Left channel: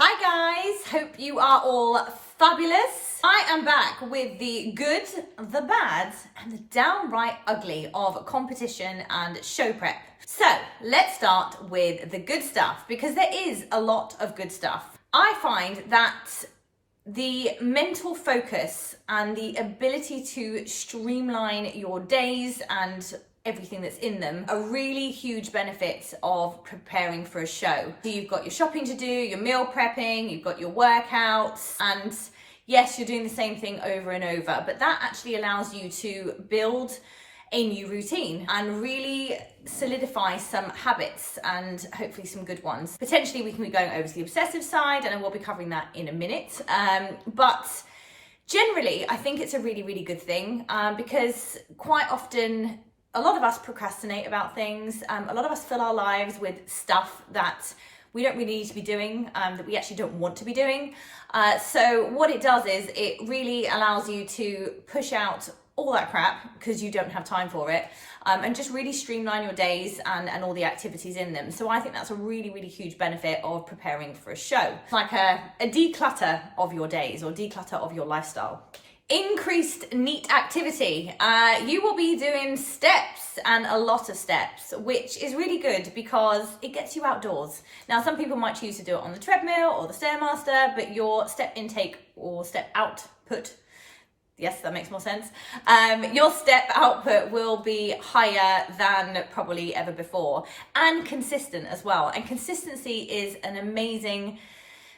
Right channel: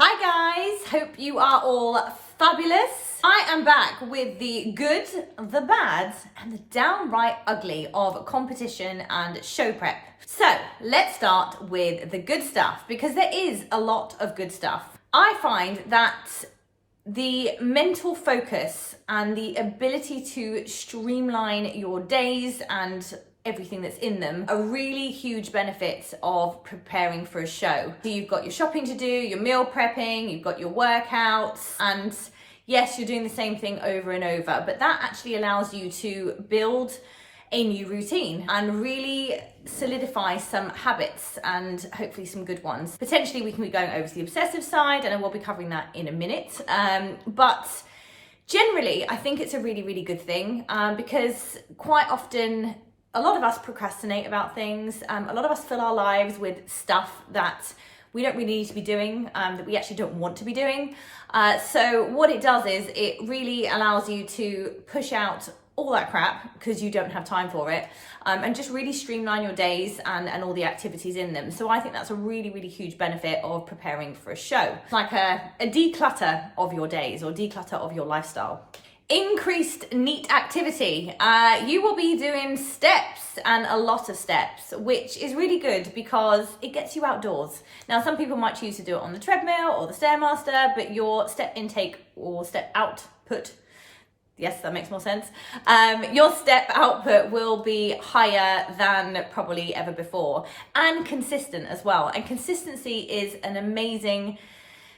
Hi guys, hope you are all fabulous. I am back with the good, the bad, and the downright ugly of competition and show prep. So let's start with the good stuff, because there is a lot of good stuff. I find that the mental focus and the ability to streamline your days and everything that's in them are really huge benefits of preparing for a show. So you've got your shopping to do, your meal prepping, you've got your workouts, and yes, you're doing the same thing over and over, but that actually allows you to build a new routine and really solidify some habits and hopefully some good ones. Potentially we can be going over to the obsessive side, and I will be covering that in a minute. But generally, I think it's a really, really good thing because quite often a lot of us procrastinate about things. A lot of us fill our lives with stuff that we don't really need to be doing, that we actually don't want to be doing. So what it does is it really allows you to push out all that crap because you don't have time for it, and just really streamline your days and all the activities in them. So I think that's a really, really huge benefit of preparing for a show. It's like a declutter of your days or declutter of your lifestyle. Increased neat activity. You will be doing steps and a lot of steps, which is really good because it gets you outdoors. Now, some people might choose to do it on the treadmill or the Stairmaster, but your step intake or step output, yes, that makes more sense. Your step output will be higher than probably ever before, and consistent as well. And consistency is an amazing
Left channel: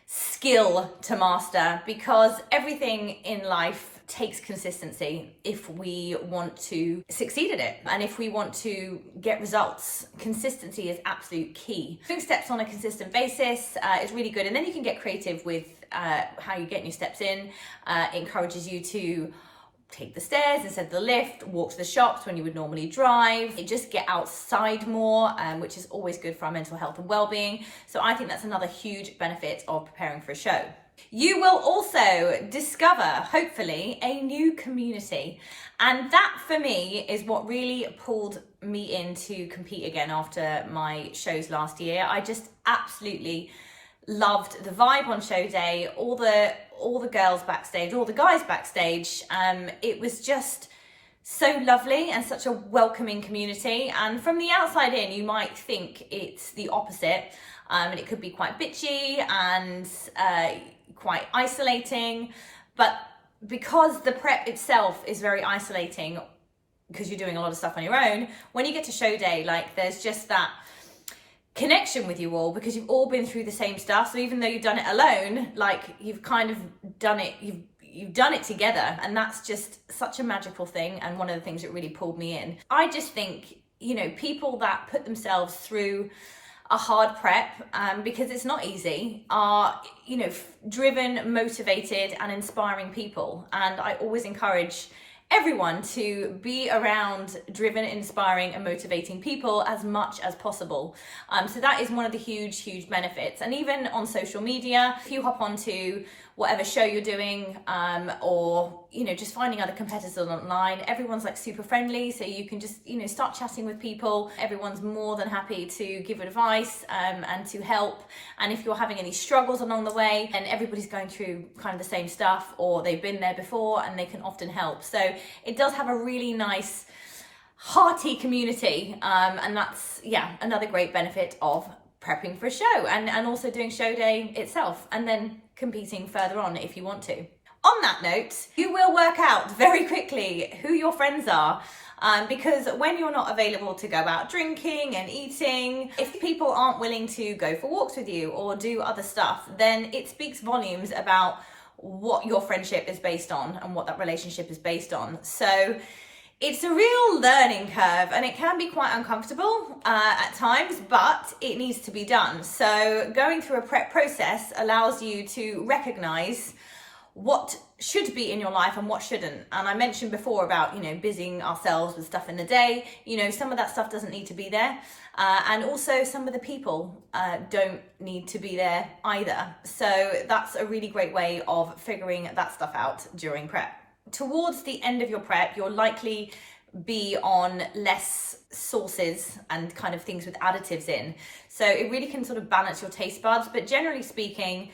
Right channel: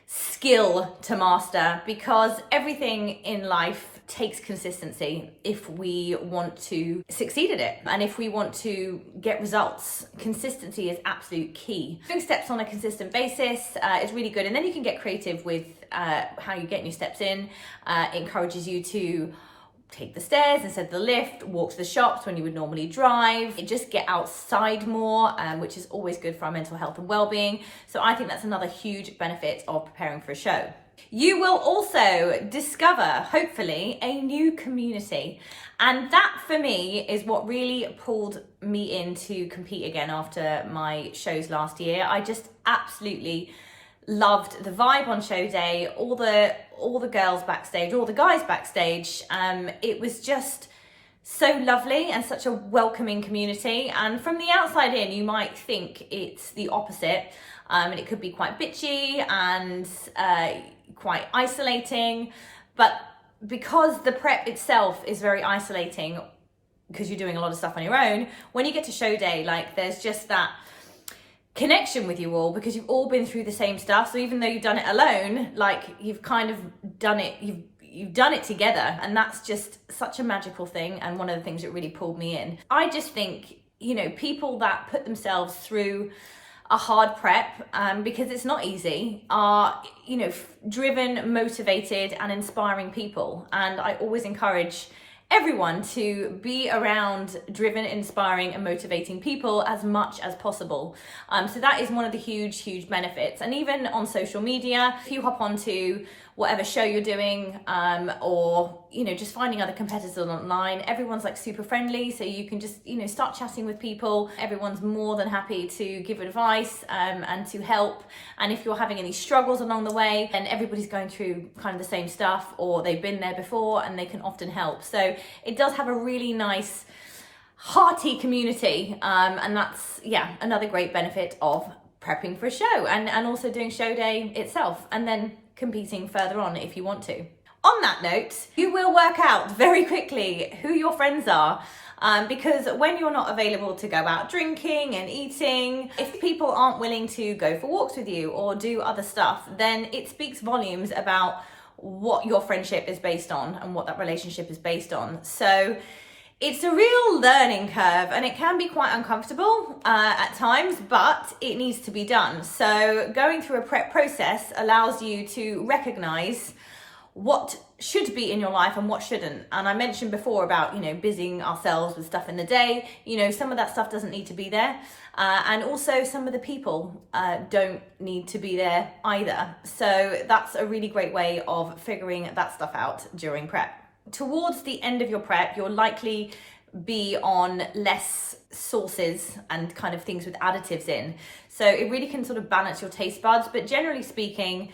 skill to master because everything in life takes consistency if we want to succeed at it and if we want to get results. Consistency is absolute key. Doing steps on a consistent basis is really good, and then you can get creative with how you get your steps in. It encourages you to take the stairs instead of the lift, walk to the shops when you would normally drive, just get outside more, which is always good for our mental health and well-being. So I think that's another huge benefit of preparing for a show. You will also discover, hopefully, a new community. And that for me is what really pulled me in to compete again after my shows last year. I just absolutely loved the vibe on show day, all the girls backstage, all the guys backstage. It was just so lovely and such a welcoming community. And from the outside in, you might think it's the opposite. And it could be quite bitchy and quite isolating. But because the prep itself is very isolating, because you're doing a lot of stuff on your own, when you get to show day, like there's just that connection with you all because you've all been through the same stuff. So even though you've done it alone, like you've kind of done it, you've done it together, and that's just such a magical thing, and one of the things that really pulled me in. I just think, you know, people that put themselves through a hard prep, because it's not easy, are, you know, driven, motivated and inspiring people. And I always encourage everyone to be around driven, inspiring and motivating people as much as possible. So that is one of the huge benefits. And even on social media, if you hop onto whatever show you're doing, or, you know, just finding other competitors online, everyone's like super friendly. So you can just, you know, start chatting with people. Everyone's more than happy to give advice and to help. And if you're having any struggles along the way, then everybody's going through kind of the same stuff, or they've been there before and they can often help. So it does have a really nice, hearty community. And that's, yeah, another great benefit of prepping for a show and also doing show day itself, and then competing further on if you want to. On that note, you will work out very quickly who your friends are, because when you're not available to go out drinking and eating, if people aren't willing to go for walks with you or do other stuff, then it speaks volumes about what your friendship is based on and what that relationship is based on. So it's a real learning curve, and it can be quite uncomfortable at times, but it needs to be done. So going through a prep process allows you to recognize what should be in your life and what shouldn't. And I mentioned before about, you know, busying ourselves with stuff in the day. You know, some of that stuff doesn't need to be there. And also some of the people don't need to be there either. So that's a really great way of figuring that stuff out during prep. Towards the end of your prep, you're likely be on less sauces and kind of things with additives in. So it really can sort of balance your taste buds. But generally speaking,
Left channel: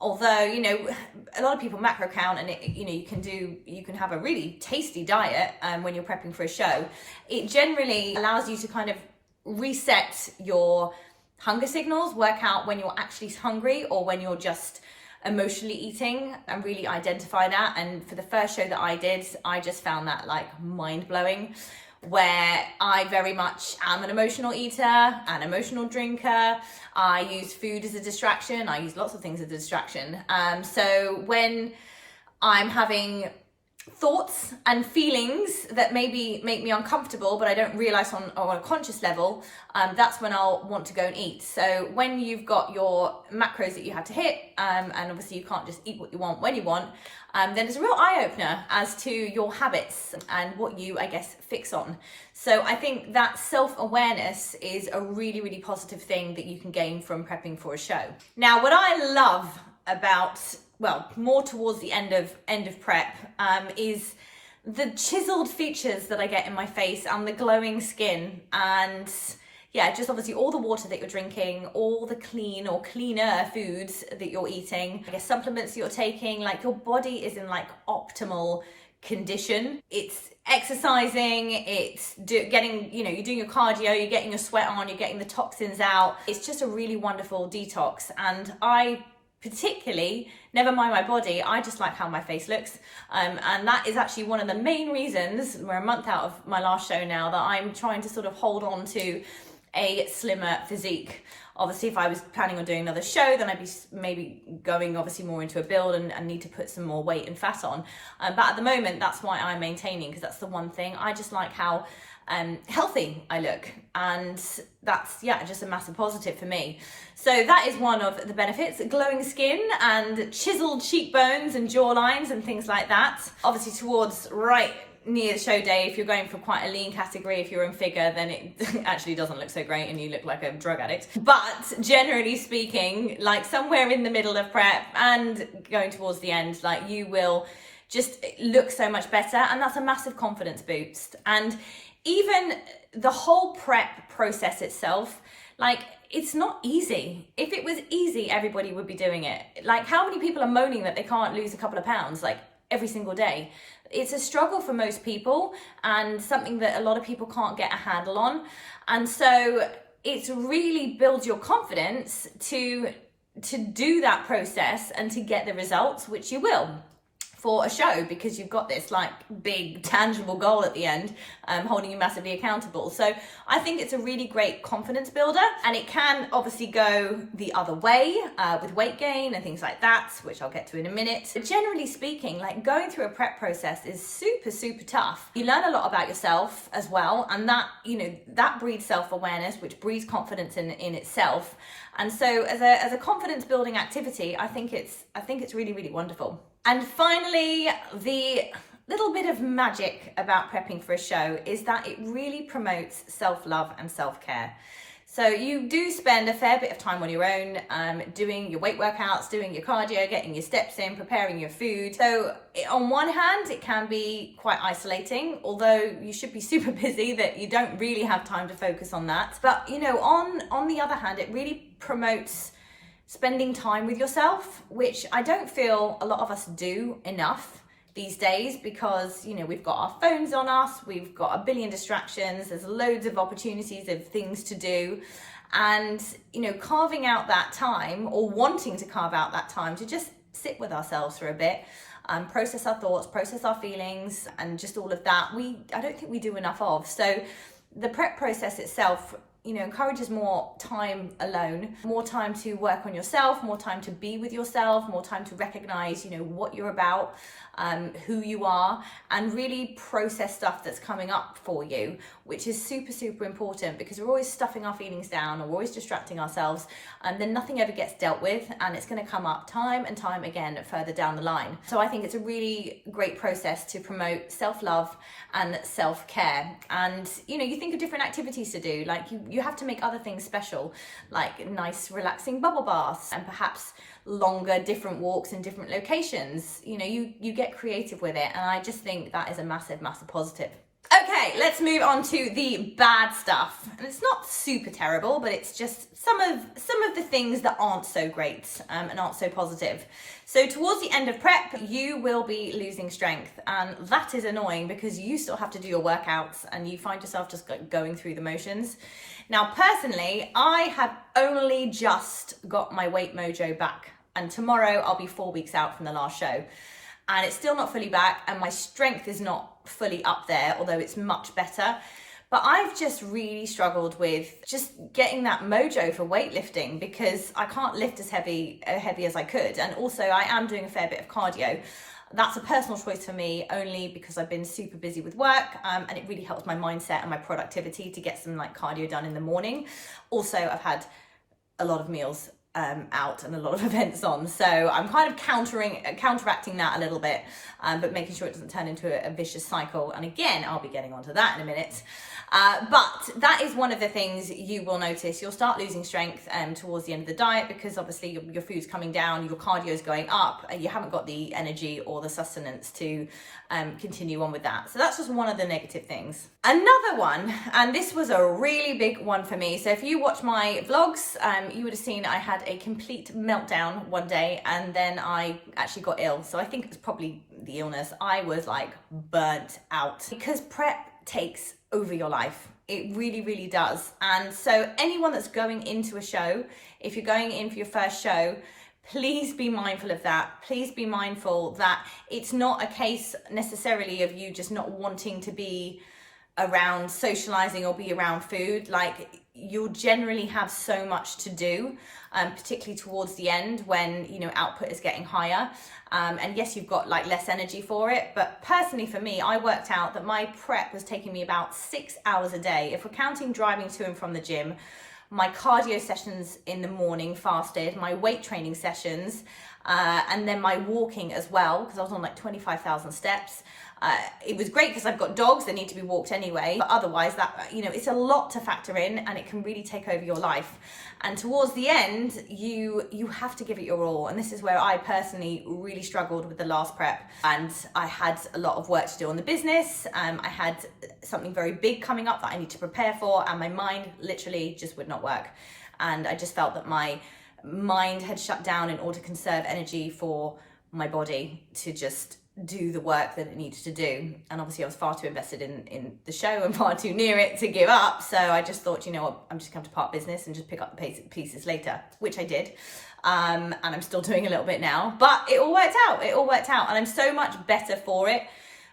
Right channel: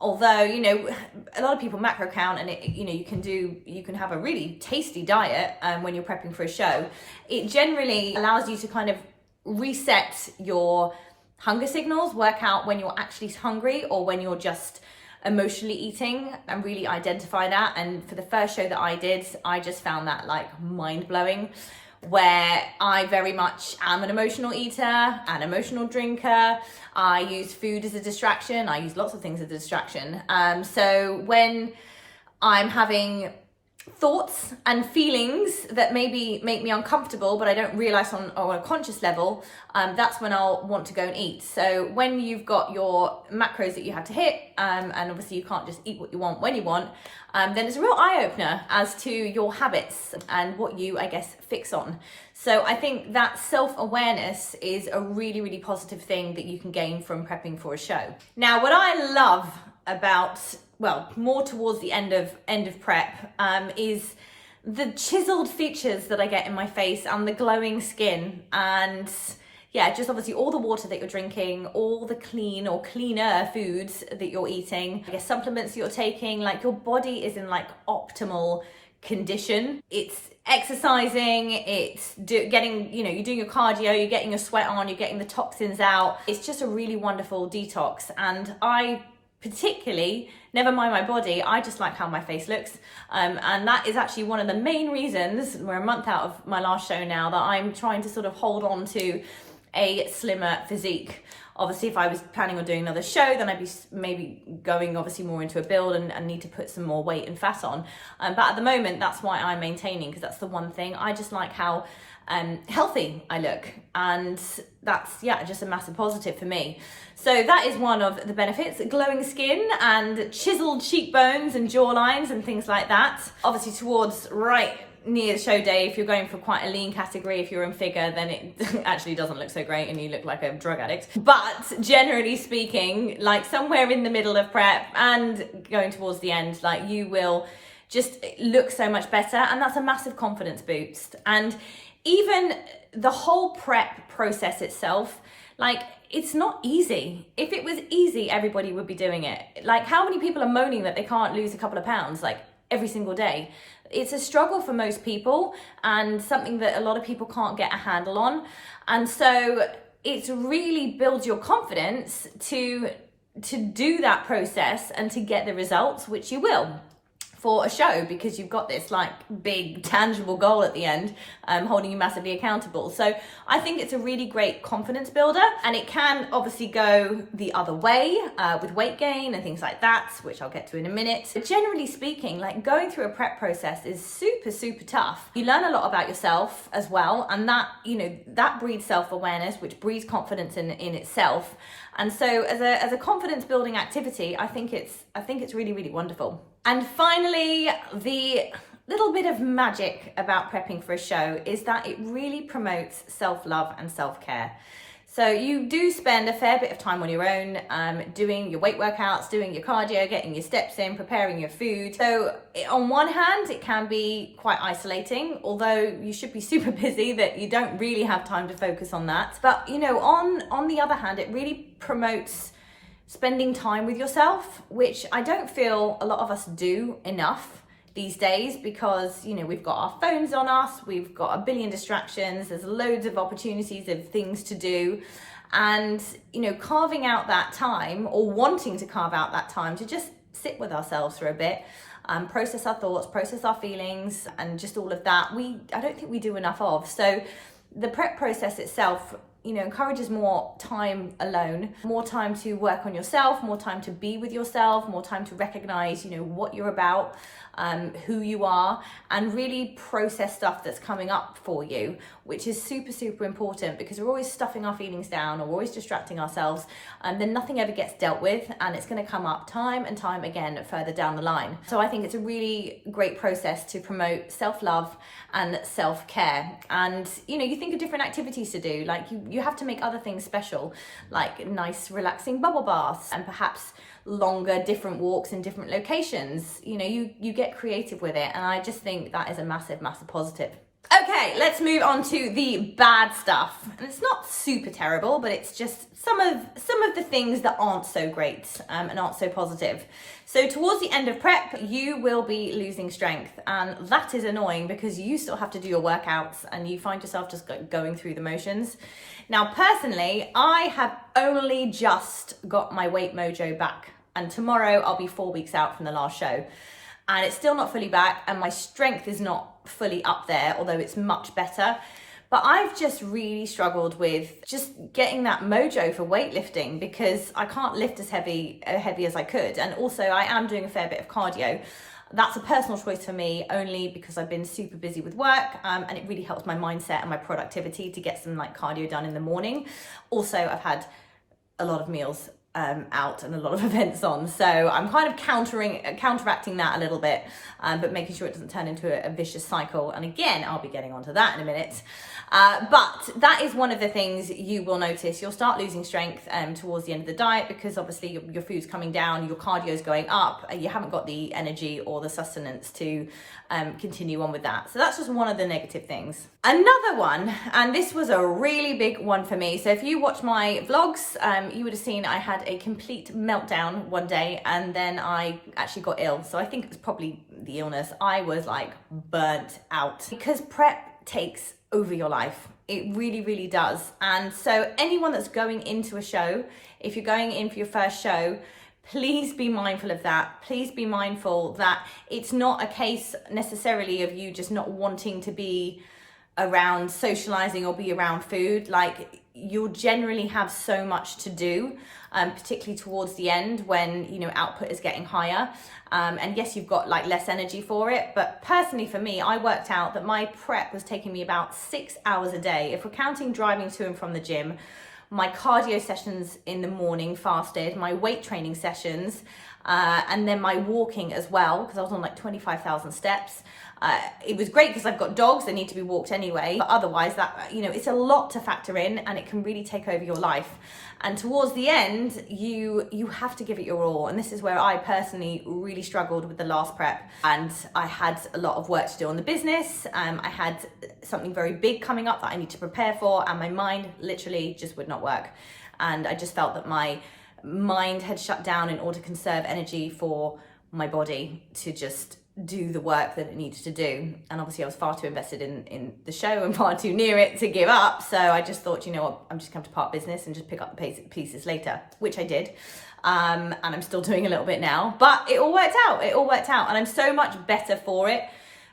although, you know, a lot of people macro count, and you know, you can have a really tasty diet when you're prepping for a show. It generally allows you to kind of reset your hunger signals, work out when you're actually hungry or when you're just emotionally eating, and really identify that. And for the first show that I did, I just found that like mind-blowing, where I very much am an emotional eater, an emotional drinker. I use food as a distraction. I use lots of things as a distraction. So when I'm having thoughts and feelings that maybe make me uncomfortable, but I don't realize on a conscious level, that's when I'll want to go and eat. So when you've got your macros that you have to hit, and obviously you can't just eat what you want when you want, then it's a real eye-opener as to your habits and what you, I guess, fix on. So I think that self-awareness is a really, really positive thing that you can gain from prepping for a show. Now, what I love about, well, more towards the end of prep, is the chiseled features that I get in my face and the glowing skin, and yeah, just obviously all the water that you're drinking, all the clean or cleaner foods that you're eating, I guess supplements you're taking, like your body is in like optimal condition. It's exercising, it's getting, you know, you're doing your cardio, you're getting your sweat on, you're getting the toxins out. It's just a really wonderful detox. And I particularly, never mind my body, I just like how my face looks. And that is actually one of the main reasons, we're a month out of my last show now, that I'm trying to sort of hold on to a slimmer physique. Obviously, if I was planning on doing another show, then I'd be maybe going obviously more into a build and need to put some more weight and fat on. But at the moment, that's why I'm maintaining, because that's the one thing. I just like how healthy I look, and that's, yeah, just a massive positive for me. So that is one of the benefits: glowing skin and chiseled cheekbones and jawlines and things like that. Obviously, towards right near the show day, if you're going for quite a lean category, if you're in figure, then it actually doesn't look so great and you look like a drug addict. But generally speaking, like somewhere in the middle of prep and going towards the end, like you will just look so much better, and that's a massive confidence boost. And even the whole prep process itself, like, it's not easy. If it was easy, everybody would be doing it. Like, how many people are moaning that they can't lose a couple of pounds like every single day? It's a struggle for most people, and something that a lot of people can't get a handle on. And so it's really builds your confidence to do that process and to get the results, which you will for a show, because you've got this like big tangible goal at the end, holding you massively accountable. So I think it's a really great confidence builder, and it can obviously go the other way with weight gain and things like that, which I'll get to in a minute. But generally speaking, like, going through a prep process is super, super tough. You learn a lot about yourself as well, and that, you know, that breeds self-awareness, which breeds confidence in itself. And so as a confidence building activity, I think it's really, really wonderful. And finally, the little bit of magic about prepping for a show is that it really promotes self-love and self-care. So you do spend a fair bit of time on your own, doing your weight workouts, doing your cardio, getting your steps in, preparing your food. So on one hand, it can be quite isolating, although you should be super busy that you don't really have time to focus on that. But, you know, on the other hand, it really promotes spending time with yourself, which I don't feel a lot of us do enough these days, because, you know, we've got our phones on us, we've got a billion distractions, there's loads of opportunities of things to do. And, you know, carving out that time, or wanting to carve out that time to just sit with ourselves for a bit, process our thoughts, process our feelings, and just all of that, I don't think we do enough of. So the prep process itself, you know, encourages more time alone, more time to work on yourself, more time to be with yourself, more time to recognize, you know, what you're about, who you are, and really process stuff that's coming up for you, which is super, super important, because we're always stuffing our feelings down, or we're always distracting ourselves, and then nothing ever gets dealt with, and it's going to come up time and time again further down the line. So I think it's a really great process to promote self-love and self-care. And, you know, you think of different activities to do, like you have to make other things special, like nice relaxing bubble baths, and perhaps longer different walks in different locations. You know, you get creative with it, and I just think that is a massive, massive positive. Okay, Okay, let's move on to the bad stuff. And it's not super terrible, but it's just some of the things that aren't so great and aren't so positive. So towards the end of prep, you will be losing strength, and that is annoying because you still have to do your workouts and you find yourself just going through the motions. Now, personally, I have only just got my weight mojo back, and tomorrow I'll be 4 weeks out from the last show. And it's still not fully back, and my strength is not fully up there, although it's much better. But I've just really struggled with just getting that mojo for weightlifting because I can't lift as heavy as I could. And also I am doing a fair bit of cardio. That's a personal choice for me, only because I've been super busy with work, and it really helps my mindset and my productivity to get some like cardio done in the morning. Also, I've had a lot of meals out and a lot of events on, so I'm kind of counteracting that a little bit, but making sure it doesn't turn into a vicious cycle. And again, I'll be getting onto that in a minute, but that is one of the things you will notice. You'll start losing strength towards the end of the diet because obviously your food's coming down, your cardio is going up, and you haven't got the energy or the sustenance to continue on with that. So that's just one of the negative things. Another one, and this was a really big one for me. So if you watch my vlogs, you would have seen I had a complete meltdown one day, and then I actually got ill. So I think it was probably the illness. I was like burnt out because prep takes over your life. It really, really does. And so anyone that's going into a show, if you're going in for your first show, please be mindful of that. Please be mindful that it's not a case necessarily of you just not wanting to be around socializing or be around food. Like, you'll generally have so much to do, particularly towards the end when, you know, output is getting higher. And yes, you've got like less energy for it. But personally for me, I worked out that my prep was taking me about 6 hours a day. If we're counting driving to and from the gym, my cardio sessions in the morning fasted, my weight training sessions, and then my walking as well, because I was on like 25,000 steps. It was great because I've got dogs that need to be walked anyway, but otherwise that, you know, it's a lot to factor in, and it can really take over your life. And towards the end, you have to give it your all. And this is where I personally really struggled with the last prep. And I had a lot of work to do on the business. I had something very big coming up that I need to prepare for, and my mind literally just would not work. And I just felt that my mind had shut down in order to conserve energy for my body to just do the work that it needed to do. And obviously I was far too invested in the show and far too near it to give up. So I just thought, you know what, I'm just going to part business and just pick up the pieces later, which I did. And I'm still doing a little bit now, but it all worked out. It all worked out. And I'm so much better for it,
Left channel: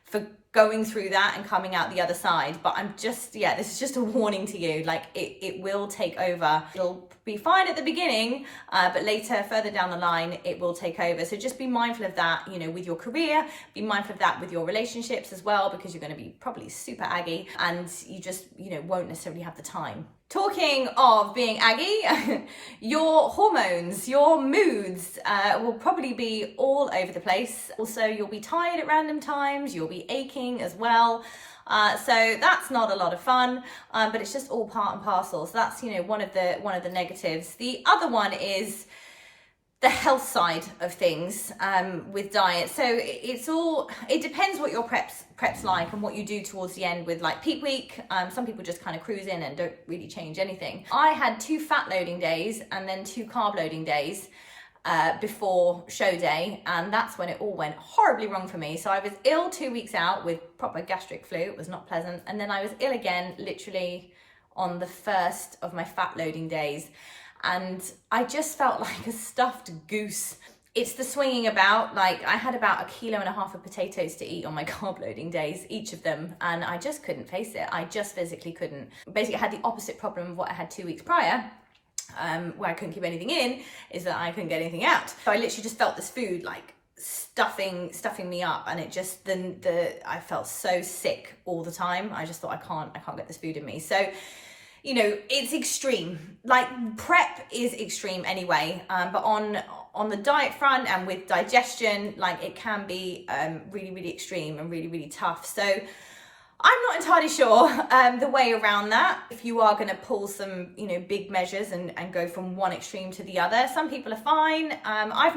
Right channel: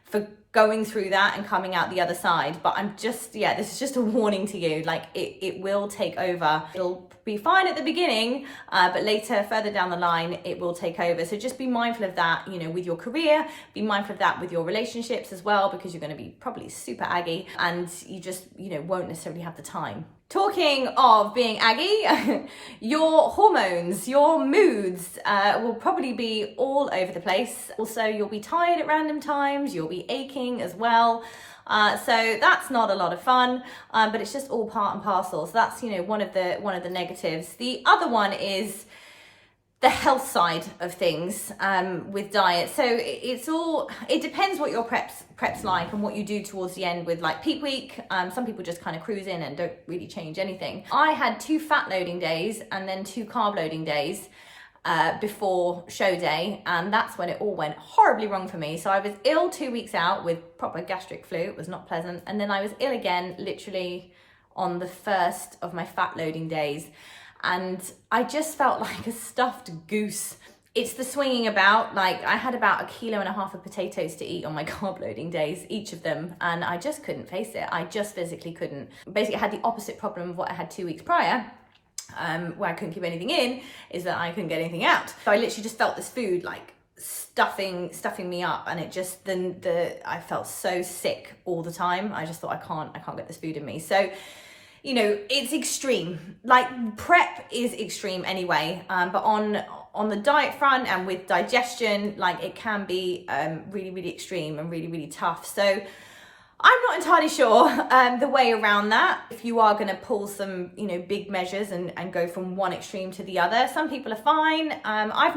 for going through that and coming out the other side. But I'm just, yeah, this is just a warning to you. Like, it will take over. It'll be fine at the beginning, but later, further down the line, it will take over. So just be mindful of that, you know, with your career, be mindful of that with your relationships as well, because you're going to be probably super aggy and you just, you know, won't necessarily have the time. Talking of being aggy, your hormones, your moods will probably be all over the place. Also, you'll be tired at random times, you'll be aching as well. So that's not a lot of fun, but it's just all part and parcel. So that's, you know, one of the negatives. The other one is the health side of things with diet. So it depends what your prep's like and what you do towards the end with like peak week. Some people just kind of cruise in and don't really change anything. I had 2 fat loading days and then 2 carb loading days before show day, and that's when it all went horribly wrong for me. So I was ill 2 weeks out with proper gastric flu. It was not pleasant. And then I was ill again literally on the first of my fat loading days, and I just felt like a stuffed goose. It's the swinging about. Like, I had about 1.5 kilos of potatoes to eat on my carb loading days, each of them, and I just couldn't face it. I just physically couldn't. Basically, I had the opposite problem of what I had 2 weeks prior, where I couldn't keep anything in, is that I couldn't get anything out. So I literally just felt this food like stuffing me up, and it just I felt so sick all the time. I just thought I can't get this food in me. So, you know, it's extreme. Like, prep is extreme anyway, but on the diet front and with digestion, like, it can be really, really extreme and really, really tough. So I'm not entirely sure the way around that. If you are going to pull some, you know, big measures and go from one extreme to the other, some people are fine. I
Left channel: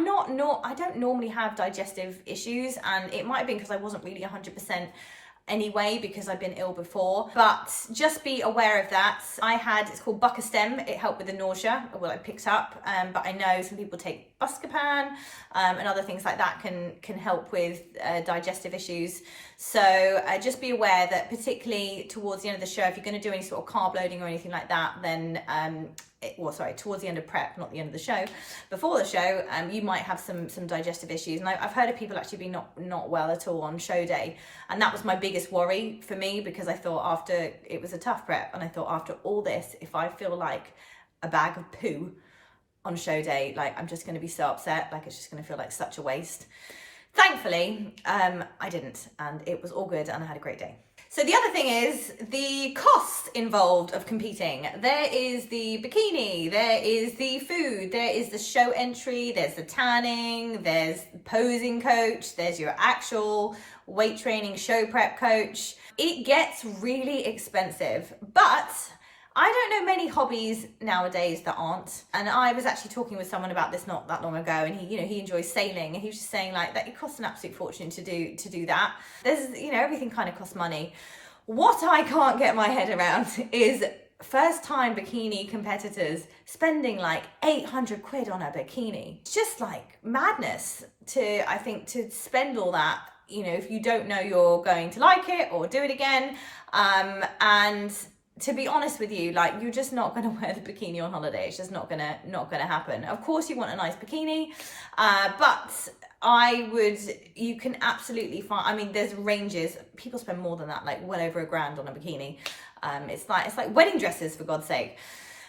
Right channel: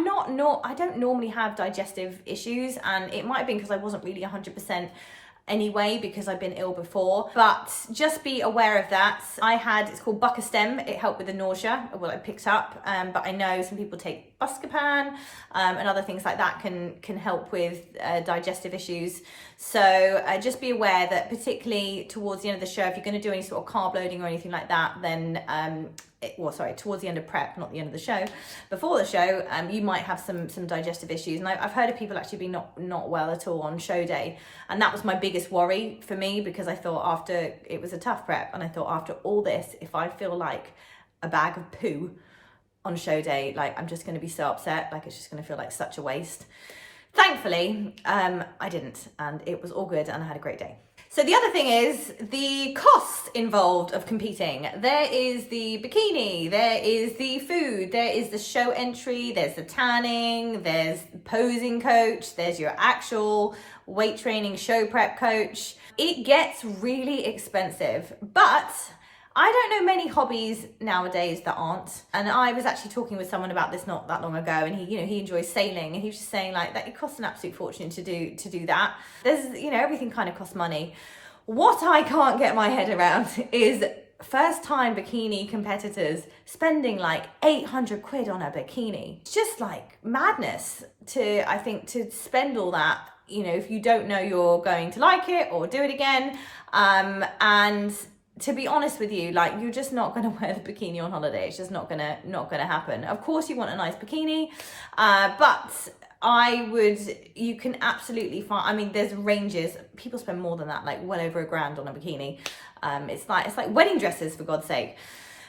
don't normally have digestive issues, and it might have been because I wasn't really 100% anyway because I've been ill before, but just be aware of that. It's called Bucostem. It helped with the nausea, well, I picked up, but I know some people take Buscopan and other things like that can help with digestive issues. So just be aware that particularly towards the end of the show, if you're going to do any sort of carb loading or anything like that, then towards the end of prep, not the end of the show, before the show, you might have some digestive issues. And I've heard of people actually being not well at all on show day, and that was my biggest worry for me, because I thought it was a tough prep, and I thought after all this, if I feel like a bag of poo on show day, like I'm just going to be so upset, like it's just going to feel like such a waste. Thankfully, I didn't, and it was all good, and I had a great day. So the other thing is the cost involved of competing. There is the bikini, there is the food, there is the show entry, there's the tanning, there's the posing coach, there's your actual weight training show prep coach. It gets really expensive, but I don't know many hobbies nowadays that aren't. And I was actually talking with someone about this not that long ago, and he enjoys sailing, and he was just saying like that it costs an absolute fortune to do that. There's, everything kind of costs money. What I can't get my head around is first time bikini competitors spending like 800 quid on a bikini. It's just like madness to spend all that, if you don't know you're going to like it or do it again. And to be honest with you, like, you're just not going to wear the bikini on holiday. It's just not gonna happen. Of course you want a nice bikini, but you can absolutely find, there's ranges. People spend more than that, like well over $1,000 on a bikini. It's like wedding dresses, for God's sake.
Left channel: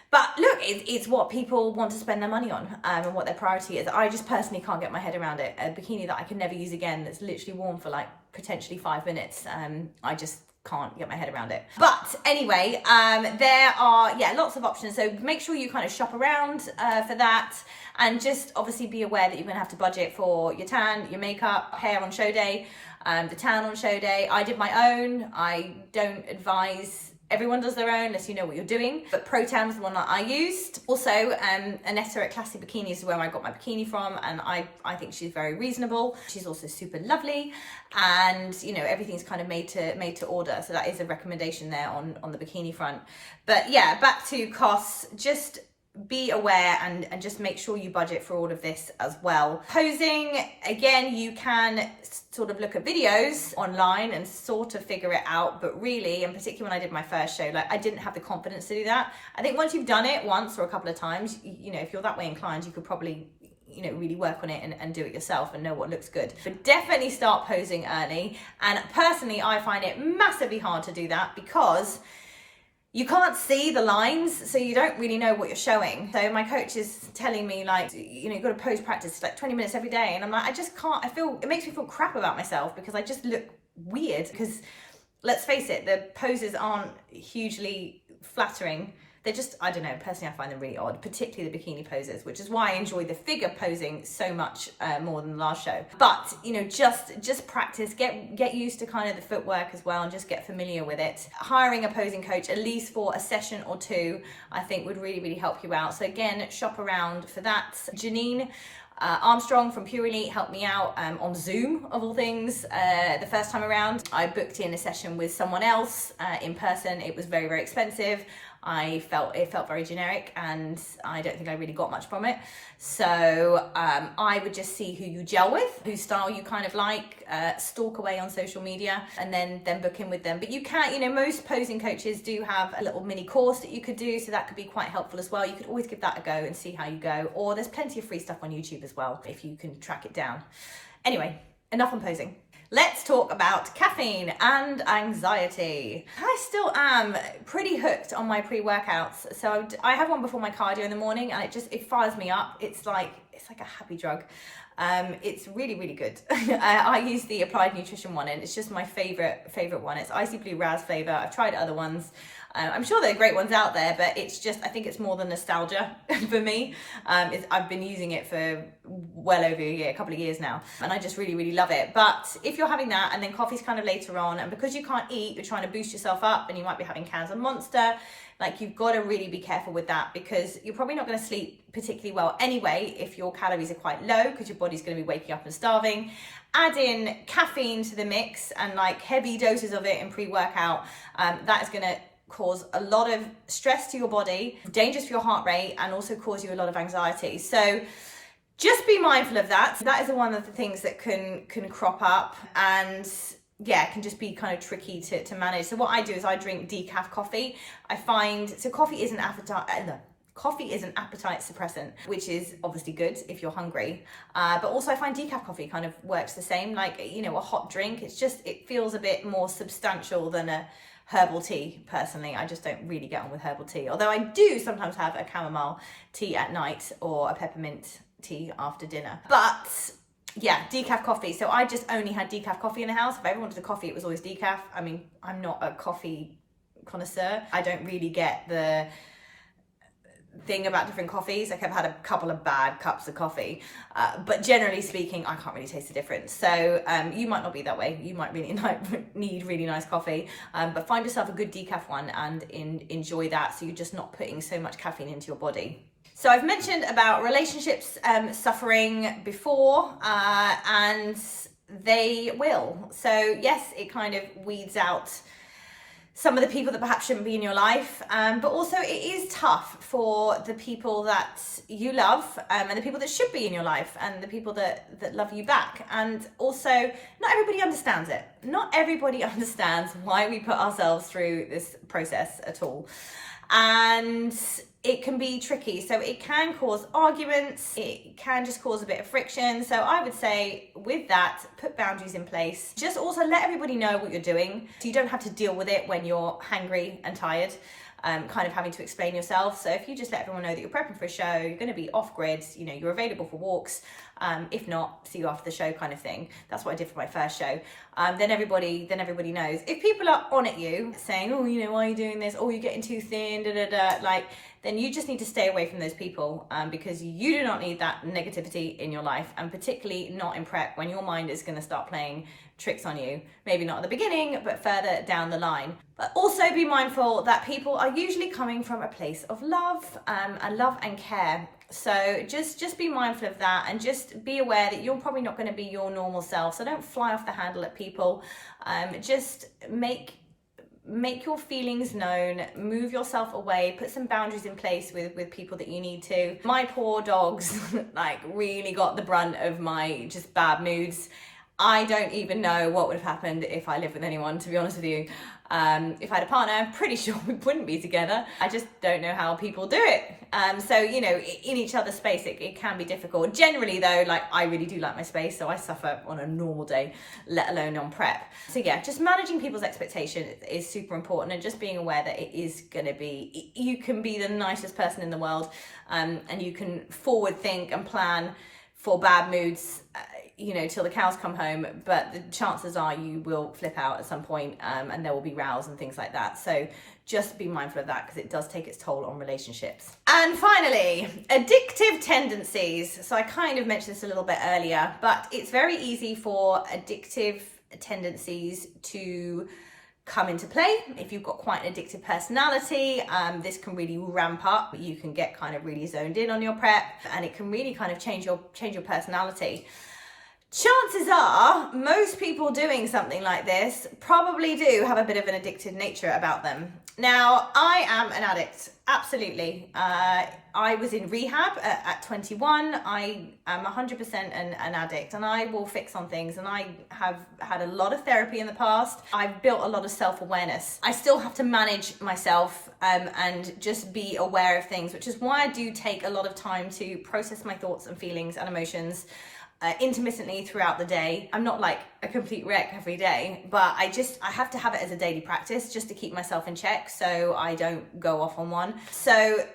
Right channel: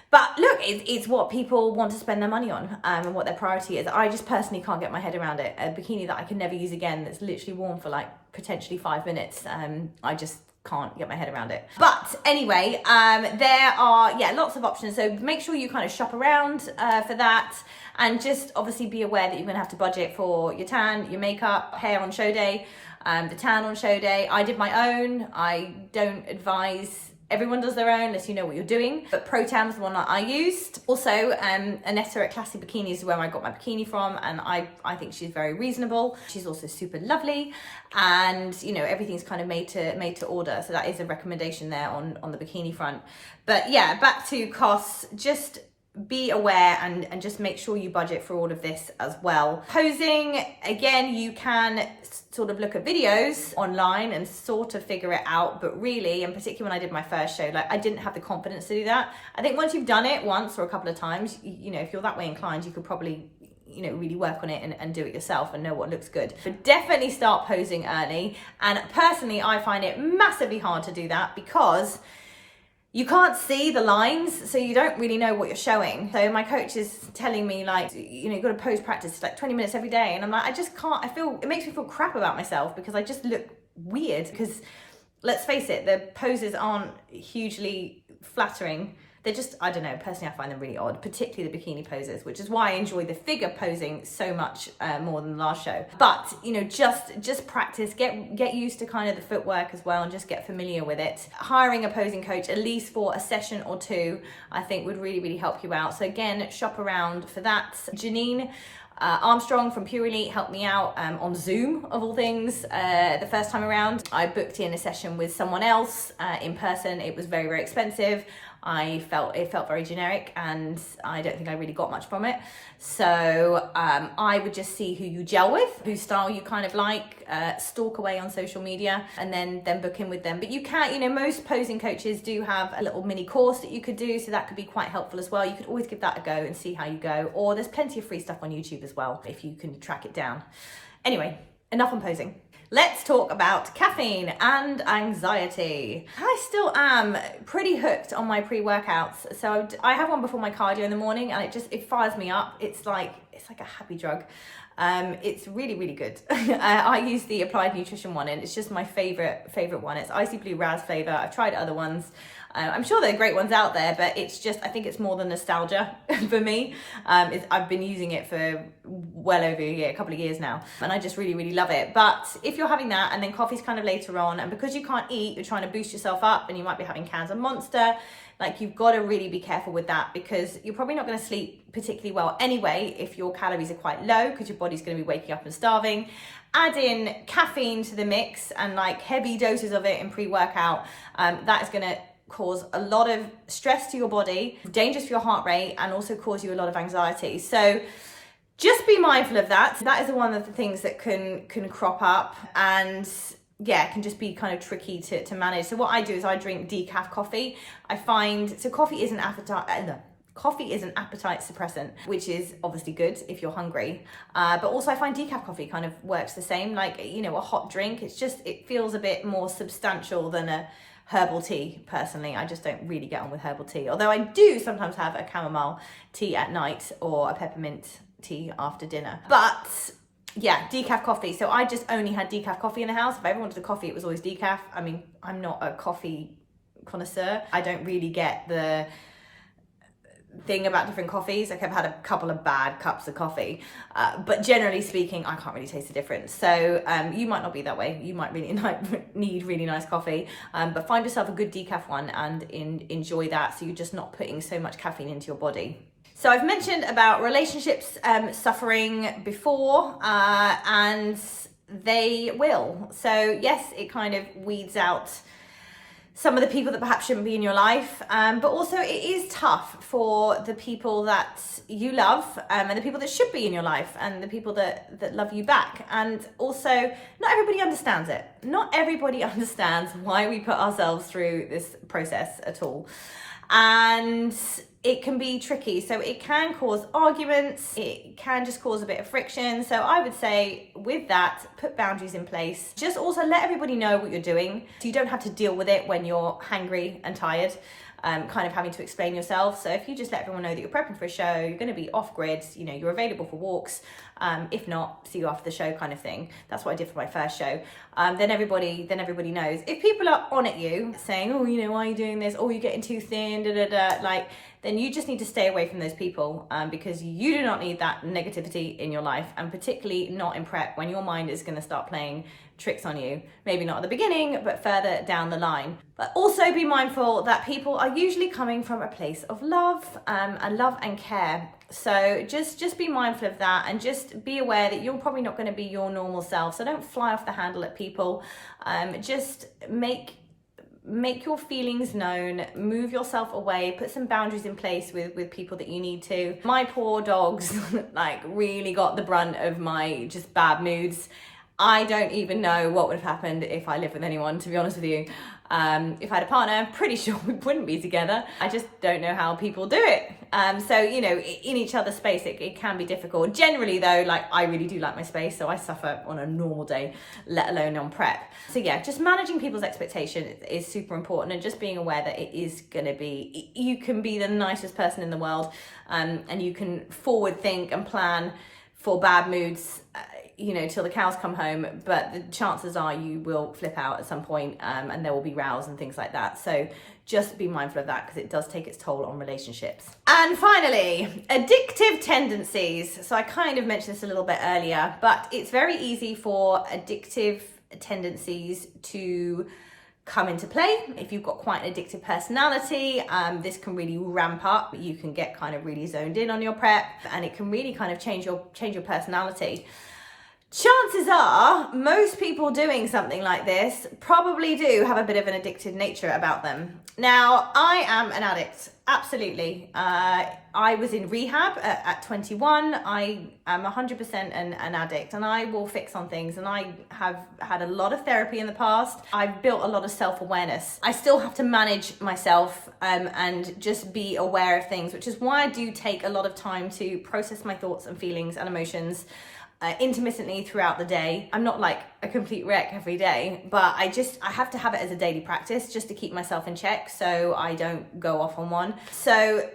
But look, it's what people want to spend their money on, and what their priority is. I just personally can't get my head around it. A bikini that I can never use again, that's literally worn for like potentially 5 minutes. I just can't get my head around it. But anyway, there are lots of options, so make sure you kind of shop around for that, and just obviously be aware that you're going to have to budget for your tan, your makeup, hair on show day, the tan on show day. I did my own. I don't advise everyone does their own unless you know what you're doing, but Pro Tan was the one that I used. Also, Anetta at Classic Bikinis is where I got my bikini from, and I think she's very reasonable. She's also super lovely, and everything's kind of made to order, so that is a recommendation there on the bikini front. But yeah, back to costs, just be aware and just make sure you budget for all of this as well. Posing, again, you can sort of look at videos online and sort of figure it out, but really, and particularly when I did my first show, like, I didn't have the confidence to do that. I think once you've done it once or a couple of times, if you're that way inclined, you could probably really work on it and do it yourself and know what looks good. But definitely start posing early. And personally, I find it massively hard to do that because you can't see the lines, so you don't really know what you're showing. So my coach is telling me, like, you've got to pose practice like 20 minutes every day. And I'm like, I just can't. It makes me feel crap about myself because I just look weird. Because let's face it, the poses aren't hugely flattering. They're just, I don't know, personally I find them really odd, particularly the bikini poses, which is why I enjoy the figure posing so much more than the last show. But, just practice, get used to kind of the footwork as well, and just get familiar with it. Hiring a posing coach, at least for a session or two, I think would really, really help you out. So again, shop around for that. Janine Armstrong from Pure Elite helped me out on Zoom, of all things, the first time around. I booked in a session with someone else in person. It was very, very expensive. It felt very generic, and I don't think I really got much from it. So I would just see who you gel with, whose style you kind of like, stalk away on social media, and then book in with them. But you can't, most posing coaches do have a little mini course that you could do, so that could be quite helpful as well. You could always give that a go and see how you go. Or there's plenty of free stuff on YouTube as well, if you can track it down. Anyway, enough on posing. Let's talk about caffeine and anxiety. I still am pretty hooked on my pre-workouts. So I have one before my cardio in the morning, and it fires me up. It's like a happy drug. It's really, really good. I use the Applied Nutrition one, and it's just my favorite one. It's Icy Blue Raz flavor. I've tried other ones. I'm sure there are great ones out there, but it's just, I think it's more than nostalgia for me. I've been using it for well over a couple of years now, and I just really, really love it. But if you're having that and then coffee's kind of later on, and because you can't eat, you're trying to boost yourself up, and you might be having cans of Monster, Like, you've got to really be careful with that, because you're probably not going to sleep particularly well anyway if your calories are quite low, because your body's going to be waking up and starving. Add in caffeine to the mix and like heavy doses of it in pre-workout. That is going to cause a lot of stress to your body, dangerous for your heart rate, and also cause you a lot of anxiety. So just be mindful of that. That is one of the things that can crop up, and yeah, it can just be kind of tricky to manage. So what I do is I drink decaf coffee. I find, so coffee is an appetite suppressant, which is obviously good if you're hungry. But also I find decaf coffee kind of works the same, like, you know, a hot drink. It feels a bit more substantial than a herbal tea. Personally, I just don't really get on with herbal tea. Although I do sometimes have a chamomile tea at night or a peppermint tea after dinner. But yeah, decaf coffee. So I just only had decaf coffee in the house. If I ever wanted a coffee, it was always decaf. I mean, I'm not a coffee connoisseur. I don't really get the thing about different coffees. Like, I've had a couple of bad cups of coffee, but generally speaking, I can't really taste the difference. So you might not be that way. You might really need really nice coffee, but find yourself a good decaf one and enjoy that, so you're just not putting so much caffeine into your body. So I've mentioned about relationships suffering before, and they will. So yes, it kind of weeds out some of the people that perhaps shouldn't be in your life, but also it is tough for the people that you love, and the people that should be in your life, and the people that love you back. And also, not everybody understands it. Not everybody understands why we put ourselves through this process at all. And it can be tricky. So it can cause arguments. It can just cause a bit of friction. So I would say with that, put boundaries in place. Just also let everybody know what you're doing, so you don't have to deal with it when you're hangry and tired, kind of having to explain yourself. So if you just let everyone know that you're prepping for a show, you're going to be off grid, you know, you're available for walks. If not, see you after the show kind of thing. That's what I did for my first show. Then everybody knows. If people are on at you saying, oh, you know, why are you doing this? Oh, you're getting too thin, like, then you just need to stay away from those people, because you do not need that negativity in your life, and particularly not in prep, when your mind is going to start playing tricks on you. Maybe not at the beginning, but further down the line. But also be mindful that people are usually coming from a place of love, and care. So just be mindful of that, and just be aware that you're probably not going to be your normal self. So don't fly off the handle at people. Just make your feelings known, move yourself away, put some boundaries in place with people that you need to. My poor dogs like really got the brunt of my just bad moods. I don't even know what would have happened if I lived with anyone, to be honest with you. If I had a partner, I'm pretty sure we wouldn't be together. I just don't know how people do it. So, you know, in each other's space, it can be difficult. Generally though, like, I really do like my space, so I suffer on a normal day, let alone on prep. So yeah, just managing people's expectations is super important, and just being aware that it is gonna be, you can be the nicest person in the world, and you can forward think and plan for bad moods, you know, till the cows come home, but the chances are you will flip out at some point, and there will be rows and things like that. So just be mindful of that, because it does take its toll on relationships. And finally, addictive tendencies. So I kind of mentioned this a little bit earlier, but it's very easy for addictive tendencies to come into play. If you've got quite an addictive personality, this can really ramp up. You can get kind of really zoned in on your prep, and it can really kind of change your personality. Chances are most people doing something like this probably do have a bit of an addictive nature about them. Now, I am an addict, absolutely. I was in rehab at 21. I am 100% an addict, and I will fix on things, and I have had a lot of therapy in the past. I've built a lot of self-awareness. I still have to manage myself and just be aware of things, which is why I do take a lot of time to process my thoughts and feelings and emotions intermittently throughout the day. I'm not like a complete wreck every day, but I have to have it as a daily practice just to keep myself in check, so I don't go off on one. So,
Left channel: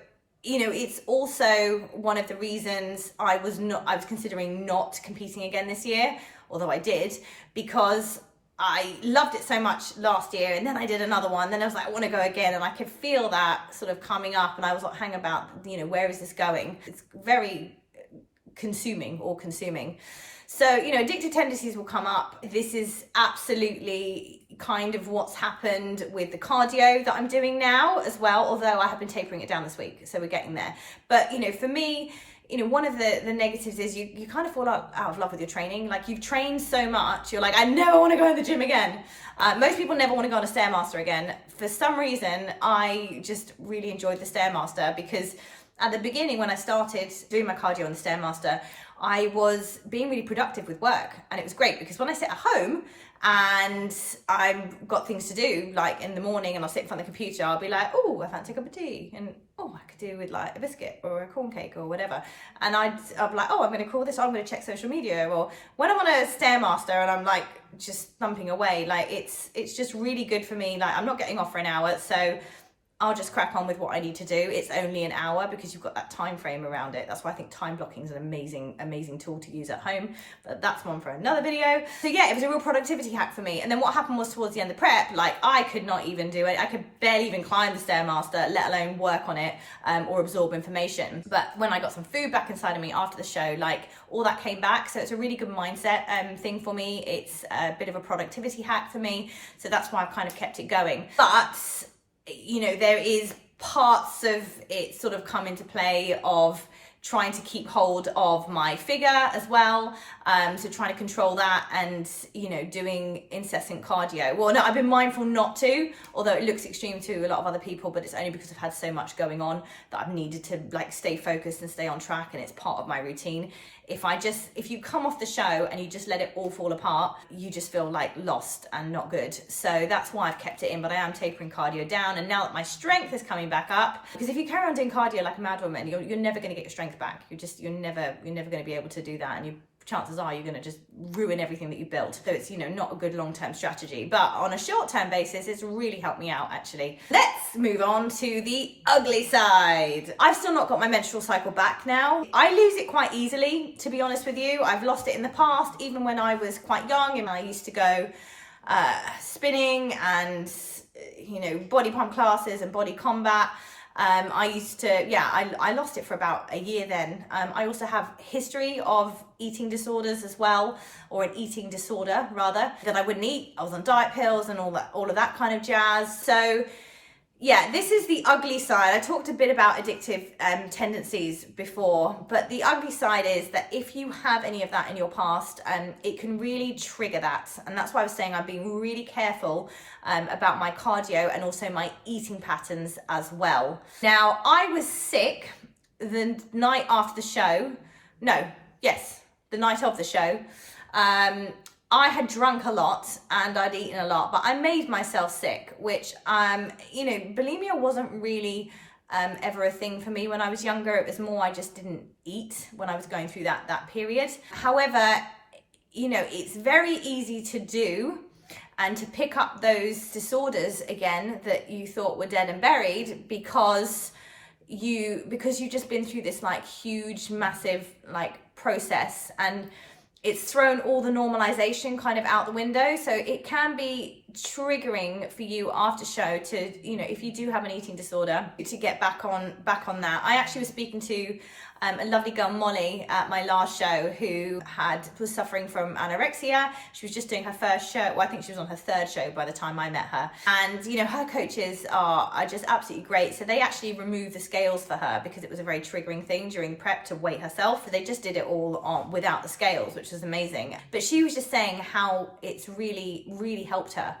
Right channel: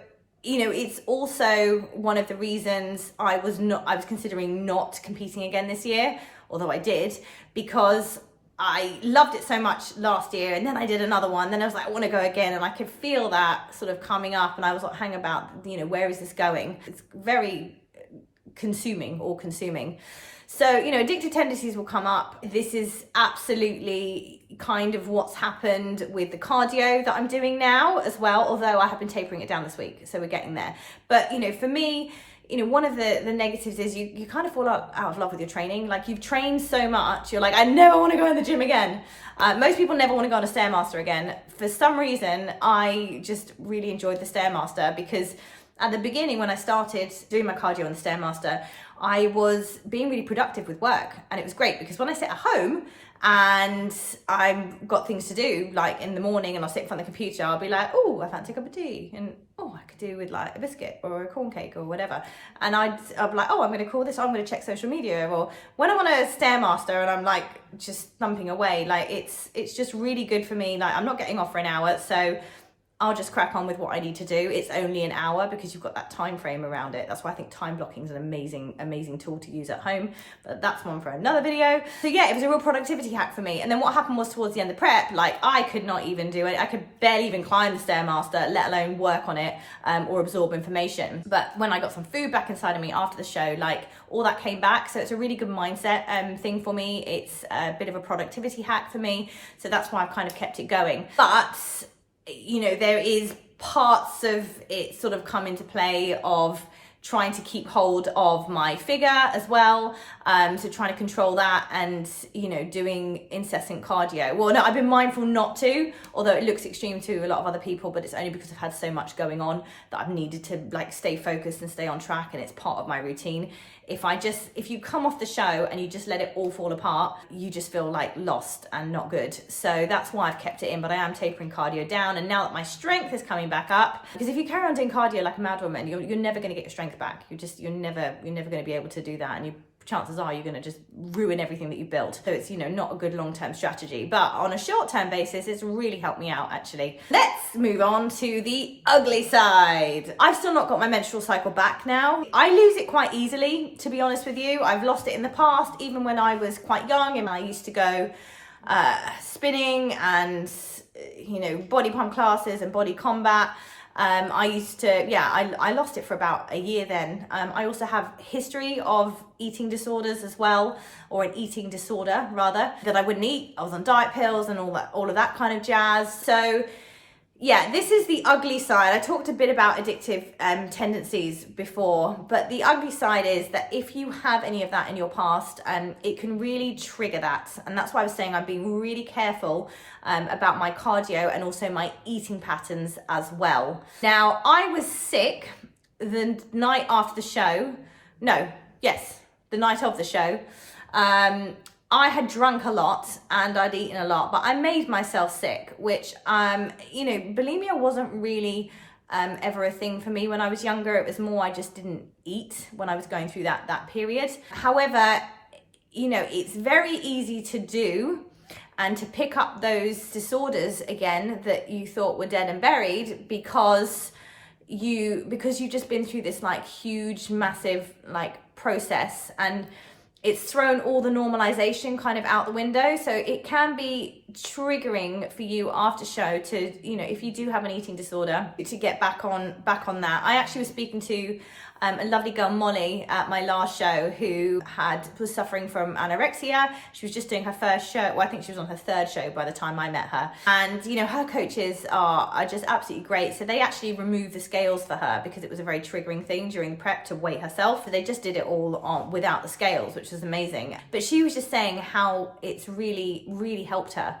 you know, it's also one of the reasons I was considering not competing again this year, although I did, because I loved it so much last year, and then I did another one, then I was like, I want to go again, and I could feel that sort of coming up, and I was like, hang about, you know, where is this going? It's very consuming. So, addictive tendencies will come up. This is absolutely kind of what's happened with the cardio that I'm doing now as well, although I have been tapering it down this week, so we're getting there. But, for me, one of the negatives is you kind of fall out of love with your training. Like, you've trained so much, you're like, I never want to go in the gym again. Most people never want to go on a Stairmaster again. For some reason, I just really enjoyed the Stairmaster, because at the beginning, when I started doing my cardio on the Stairmaster, I was being really productive with work, and it was great because when I sit at home and I've got things to do, like in the morning, and I'll sit in front of the computer, I'll be like, oh, I fancy a cup of tea, and I could do with like a biscuit or a corn cake or whatever. And I'll be like, I'm going to call this, I'm going to check social media. Or when I'm on a Stairmaster and I'm like just thumping away, like it's just really good for me. Like, I'm not getting off for an hour, so I'll just crack on with what I need to do. It's only an hour because you've got that time frame around it. That's why I think time blocking is an amazing tool to use at home. But that's one for another video. So yeah, it was a real productivity hack for me. And then what happened was, towards the end of prep, like, I could not even do it. I could barely even climb the Stairmaster, let alone work on it or absorb information. But when I got some food back inside of me after the show, like, all that came back. So it's a really good mindset thing for me. It's a bit of a productivity hack for me. So that's why I've kind of kept it going. But there is parts of it sort of come into play of trying to keep hold of my figure as well. So trying to control that and, doing incessant cardio. Well, no, I've been mindful not to, although it looks extreme to a lot of other people, but it's only because I've had so much going on that I've needed to like stay focused and stay on track, and it's part of my routine. If you come off the show and you just let it all fall apart, you just feel like lost and not good. So that's why I've kept it in, but I am tapering cardio down. And now that my strength is coming back up, because if you carry on doing cardio like a mad woman, you're never going to get your strength back. You're never going to be able to do that, and chances are you're going to just ruin everything that you built. So it's, not a good long-term strategy, but on a short-term basis, it's really helped me out, actually. Let's move on to the ugly side. I've still not got my menstrual cycle back now. I lose it quite easily, to be honest with you. I've lost it in the past, even when I was quite young, and I used to go spinning and, body pump classes and body combat. I used to, I lost it for about a year then. I also have history of eating disorders as well, or an eating disorder rather, that I wouldn't eat. I was on diet pills and all of that kind of jazz. So yeah, this is the ugly side. I talked a bit about addictive tendencies before, but the ugly side is that if you have any of that in your past, it can really trigger that. And that's why I was saying I'm being really careful about my cardio and also my eating patterns as well. Now, I was sick the night after the show. The night of the show. I had drunk a lot and I'd eaten a lot, but I made myself sick, which, bulimia wasn't really ever a thing for me when I was younger. It was more I just didn't eat when I was going through that period. However, it's very easy to do and to pick up those disorders again that you thought were dead and buried because you've just been through this like huge, massive like process, and it's thrown all the normalization kind of out the window. So it can be triggering for you after show to, if you do have an eating disorder, to get back on that. I actually was speaking to a lovely girl, Molly, at my last show, who was suffering from anorexia. She was just doing her first show. Well, I think she was on her third show by the time I met her. And, her coaches are just absolutely great. So they actually removed the scales for her because it was a very triggering thing during prep to weigh herself. So they just did it all on without the scales, which was amazing. But she was just saying how it's really, really helped her.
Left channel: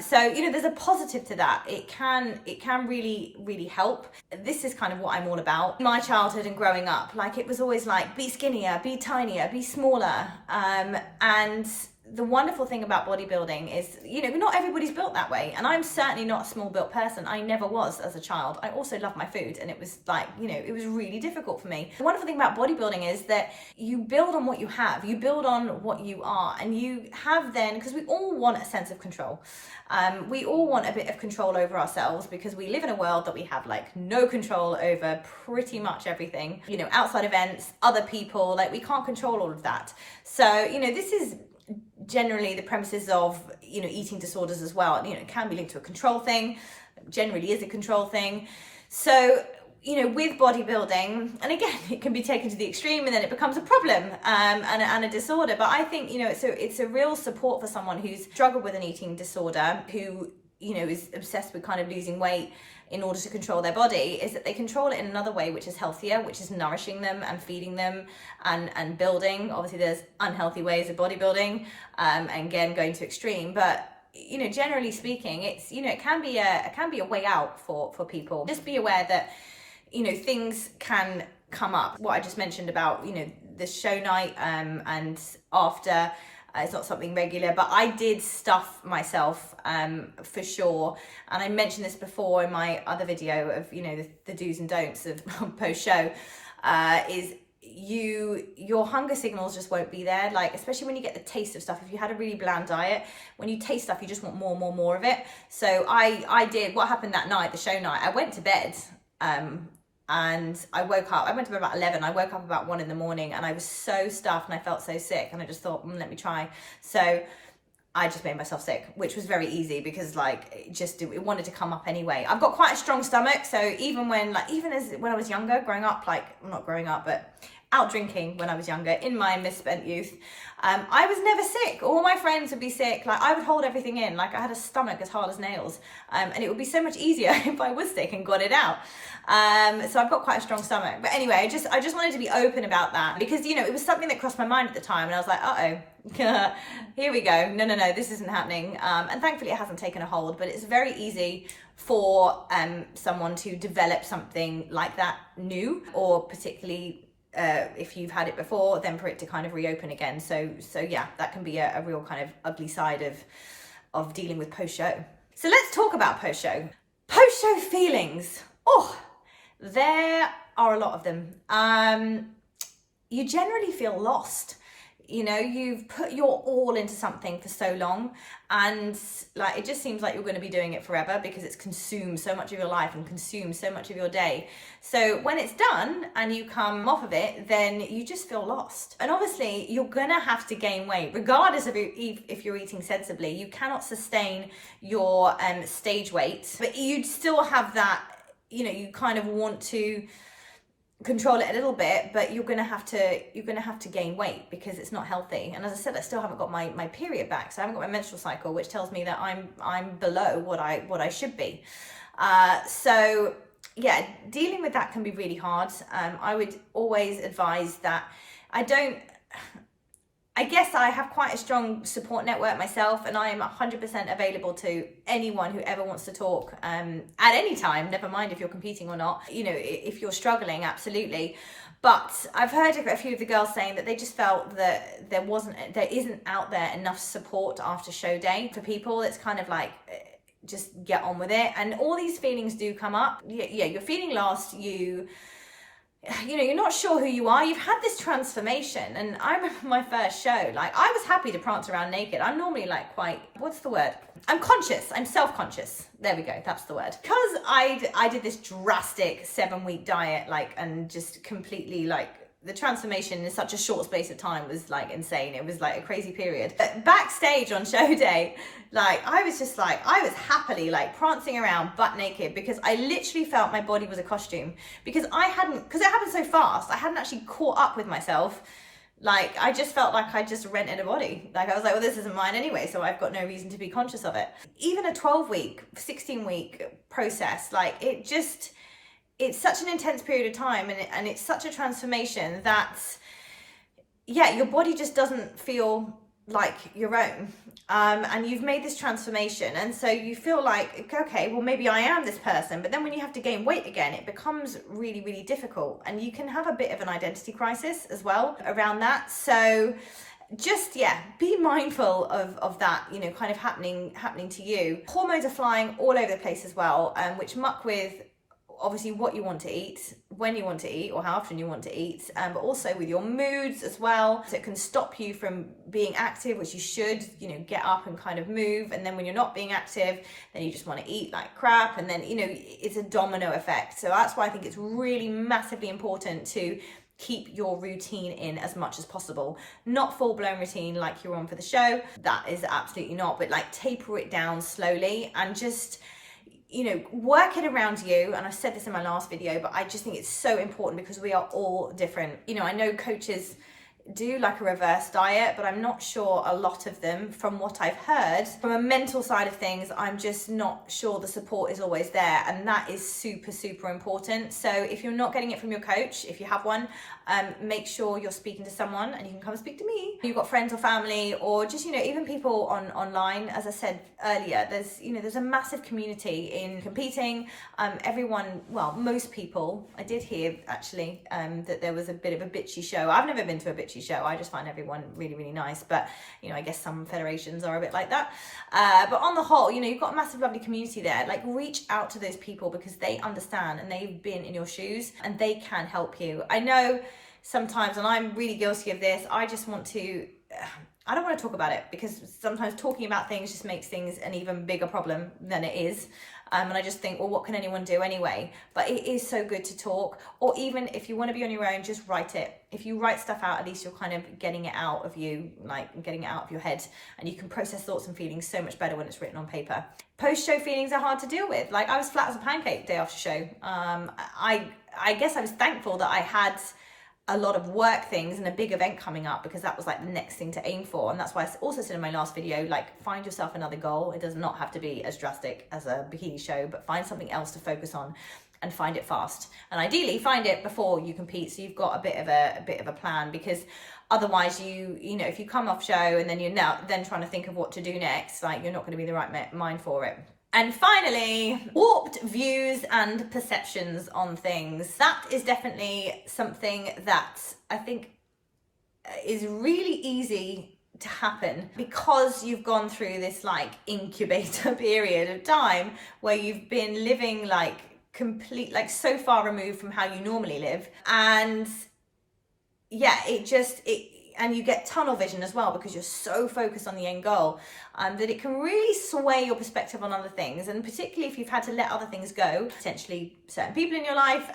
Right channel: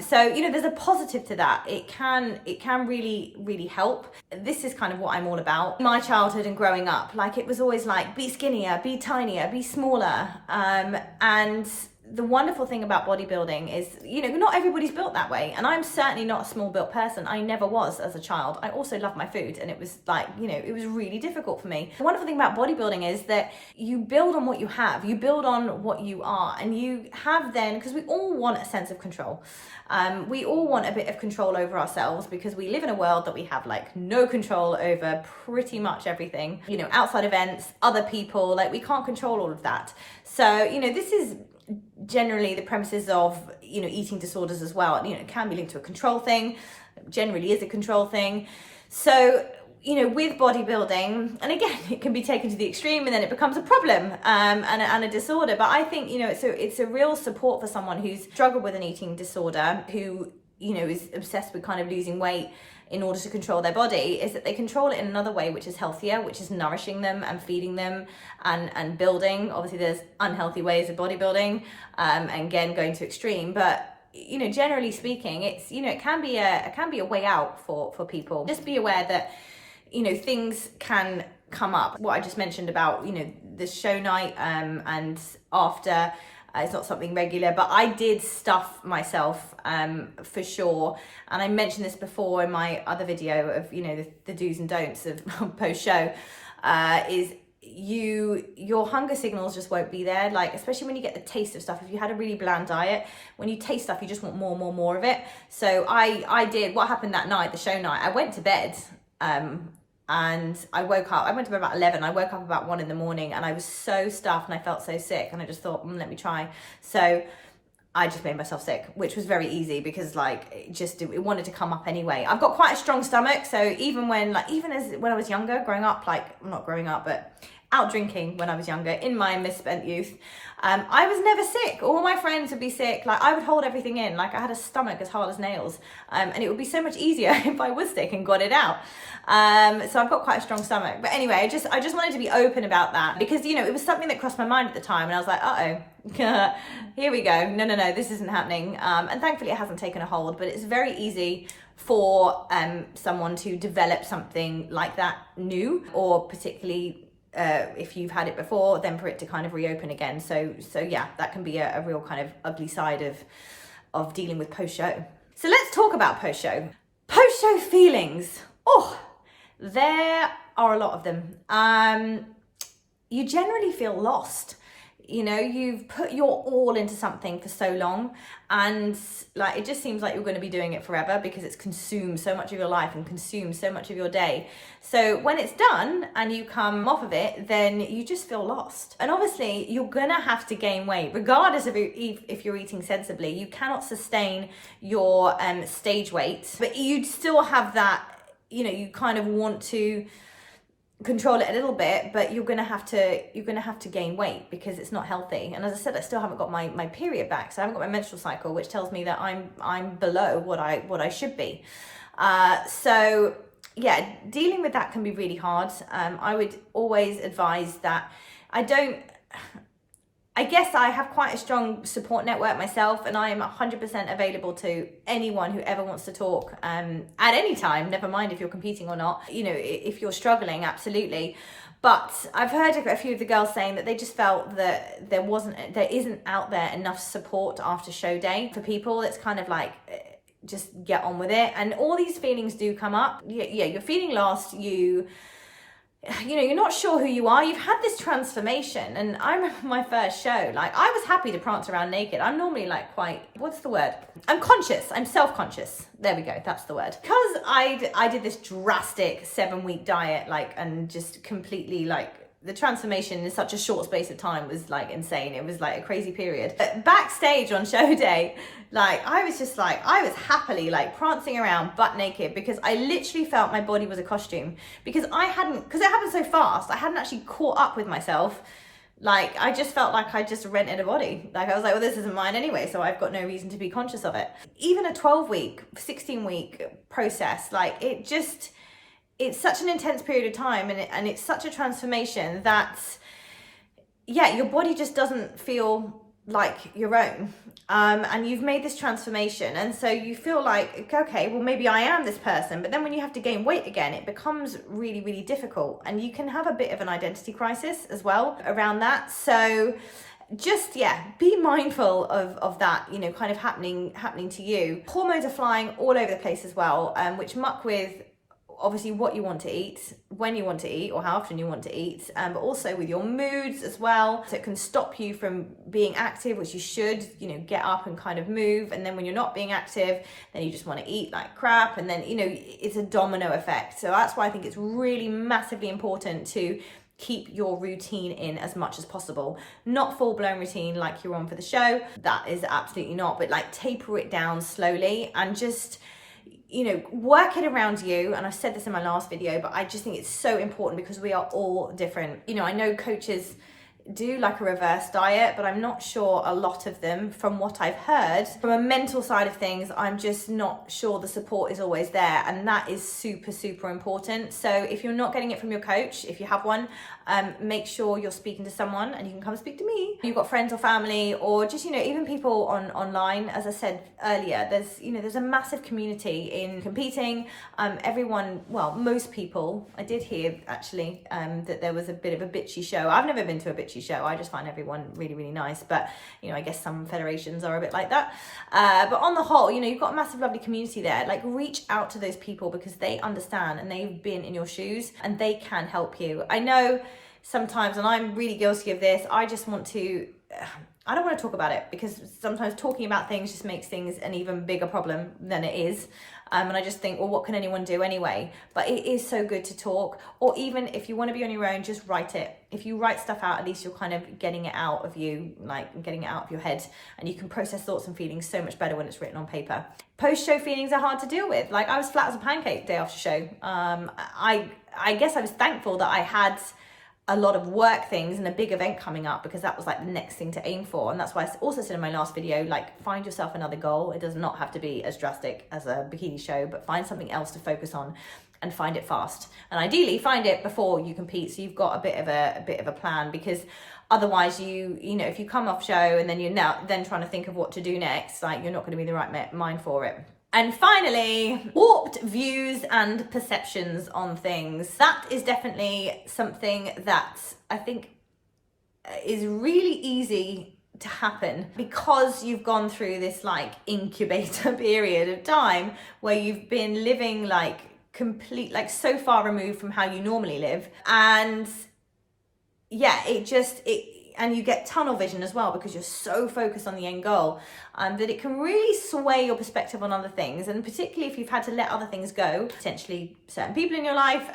So, there's a positive to that. It can really, really help. This is kind of what I'm all about. My childhood and growing up, like, it was always like, be skinnier, be tinier, be smaller. And the wonderful thing about bodybuilding is, not everybody's built that way. And I'm certainly not a small built person. I never was as a child. I also love my food. And it was like, it was really difficult for me. The wonderful thing about bodybuilding is that you build on what you have. You build on what you are. And you have then, because we all want a sense of control. We all want a bit of control over ourselves because we live in a world that we have like no control over pretty much everything. Outside events, other people, like we can't control all of that. So, this is generally the premises of, eating disorders as well. It can be linked to a control thing, generally is a control thing. So with bodybuilding, and again, it can be taken to the extreme and then it becomes a problem and a disorder. But I think, it's a real support for someone who's struggled with an eating disorder, who, is obsessed with kind of losing weight in order to control their body, is that they control it in another way, which is healthier, which is nourishing them and feeding them and building. Obviously, there's unhealthy ways of bodybuilding, and again, going to extreme, but generally speaking, it's, it can be a way out for people. Just be aware that, things can come up. What I just mentioned about, the show night, and after, it's not something regular, but I did stuff myself, for sure. And I mentioned this before in my other video of, the do's and don'ts of post-show, is your hunger signals just won't be there. Like, especially when you get the taste of stuff. If you had a really bland diet, when you taste stuff, you just want more of it. So I did, what happened that night, the show night, I went to bed, and I woke up, I went to bed about 11, I woke up about 1 in the morning, and I was so stuffed and I felt so sick, and I just thought, let me try. So I just made myself sick, which was very easy because it wanted to come up anyway. I've got quite a strong stomach, so even when I was younger, growing up, not growing up, but out drinking when I was younger, in my misspent youth, I was never sick. All my friends would be sick. I would hold everything in. I had a stomach as hard as nails, and it would be so much easier if I was sick and got it out. So I've got quite a strong stomach. But anyway, I just wanted to be open about that because, it was something that crossed my mind at the time, and I was like, uh-oh, here we go. No, this isn't happening. And thankfully it hasn't taken a hold, but it's very easy for someone to develop something like that new, or particularly if you've had it before, then for it to kind of reopen again. So yeah, that can be a real kind of ugly side of dealing with post-show. So let's talk about post-show. Post-show feelings. Oh, there are a lot of them. You generally feel lost. You've put your all into something for so long, and it just seems like you're going to be doing it forever because it's consumed so much of your life and consumed so much of your day. So when it's done and you come off of it, then you just feel lost. And obviously you're going to have to gain weight regardless of if you're eating sensibly. You cannot sustain your stage weight, but you'd still have that, you kind of want to control it a little bit, but you're gonna have to gain weight because it's not healthy. And as I said, I still haven't got my period back, so I haven't got my menstrual cycle, which tells me that I'm below what I should be. So yeah, dealing with that can be really hard. I would always advise that I guess I have quite a strong support network myself, and I am 100% available to anyone who ever wants to talk at any time, never mind if you're competing or not. If you're struggling, absolutely. But I've heard a few of the girls saying that they just felt that there isn't out there enough support after show day for people. It's kind of like, just get on with it. And all these feelings do come up. Yeah, you're feeling lost. You're not sure who you are. You've had this transformation. And I remember my first show, I was happy to prance around naked. I'm normally what's the word? I'm conscious. I'm self-conscious. There we go. That's the word. Because I did this drastic 7-week diet, and just completely the transformation in such a short space of time was insane. It was a crazy period. But backstage on show day, I was happily prancing around butt naked because I literally felt my body was a costume because it happened so fast. I hadn't actually caught up with myself. I just felt like I just rented a body. I was like, well, this isn't mine anyway, so I've got no reason to be conscious of it. Even a 12-week, 16-week process, it's such an intense period of time, and it's such a transformation that, yeah, your body just doesn't feel like your own. And you've made this transformation, and so you feel like, okay, well, maybe I am this person. But then when you have to gain weight again, it becomes really, really difficult, and you can have a bit of an identity crisis as well around that. So just, yeah, be mindful of that, kind of happening to you. Hormones are flying all over the place as well, which muck with obviously what you want to eat, when you want to eat, or how often you want to eat, but also with your moods as well. So it can stop you from being active, which you should, get up and kind of move. And then when you're not being active, then you just want to eat like crap. And then, it's a domino effect. So that's why I think it's really massively important to keep your routine in as much as possible. Not full-blown routine like you're on for the show. That is absolutely not, but taper it down slowly and just, work it around you. And I said this in my last video, but I just think it's so important because we are all different. I know coaches do like a reverse diet, but I'm not sure a lot of them, from what I've heard, from a mental side of things, I'm just not sure the support is always there. And that is super, super important. So if you're not getting it from your coach, if you have one, make sure you're speaking to someone, and you can come speak to me. You've got friends or family, or just, even people online. As I said earlier, there's a massive community in competing. Everyone, well, most people, I did hear actually that there was a bit of a bitchy show. I've never been to a bitchy show. I just find everyone really, really nice. But, I guess some federations are a bit like that. But on the whole, you've got a massive, lovely community there. Like, reach out to those people because they understand and they've been in your shoes and they can help you. I know sometimes, and I'm really guilty of this, I don't want to talk about it because sometimes talking about things just makes things an even bigger problem than it is. And I just think, well, what can anyone do anyway? But it is so good to talk. Or even if you want to be on your own, just write it. If you write stuff out, at least you're kind of getting it out of you, like getting it out of your head. And you can process thoughts and feelings so much better when it's written on paper. Post-show feelings are hard to deal with. Like, I was flat as a pancake day after show. I guess I was thankful that I had a lot of work things and a big event coming up, because that was like the next thing to aim for. And that's why I also said in my last video, like, find yourself another goal. It does not have to be as drastic as a bikini show, but find something else to focus on and find it fast. And ideally find it before you compete, so you've got a bit of a plan, because otherwise if you come off show and then you're now then trying to think of what to do next, like, you're not going to be the right mind for it. And finally, warped views and perceptions on things. That is definitely something that I think is really easy to happen because you've gone through this like incubator period of time where you've been living like so far removed from how you normally live. And yeah, and you get tunnel vision as well because you're so focused on the end goal that it can really sway your perspective on other things. And particularly if you've had to let other things go, potentially certain people in your life,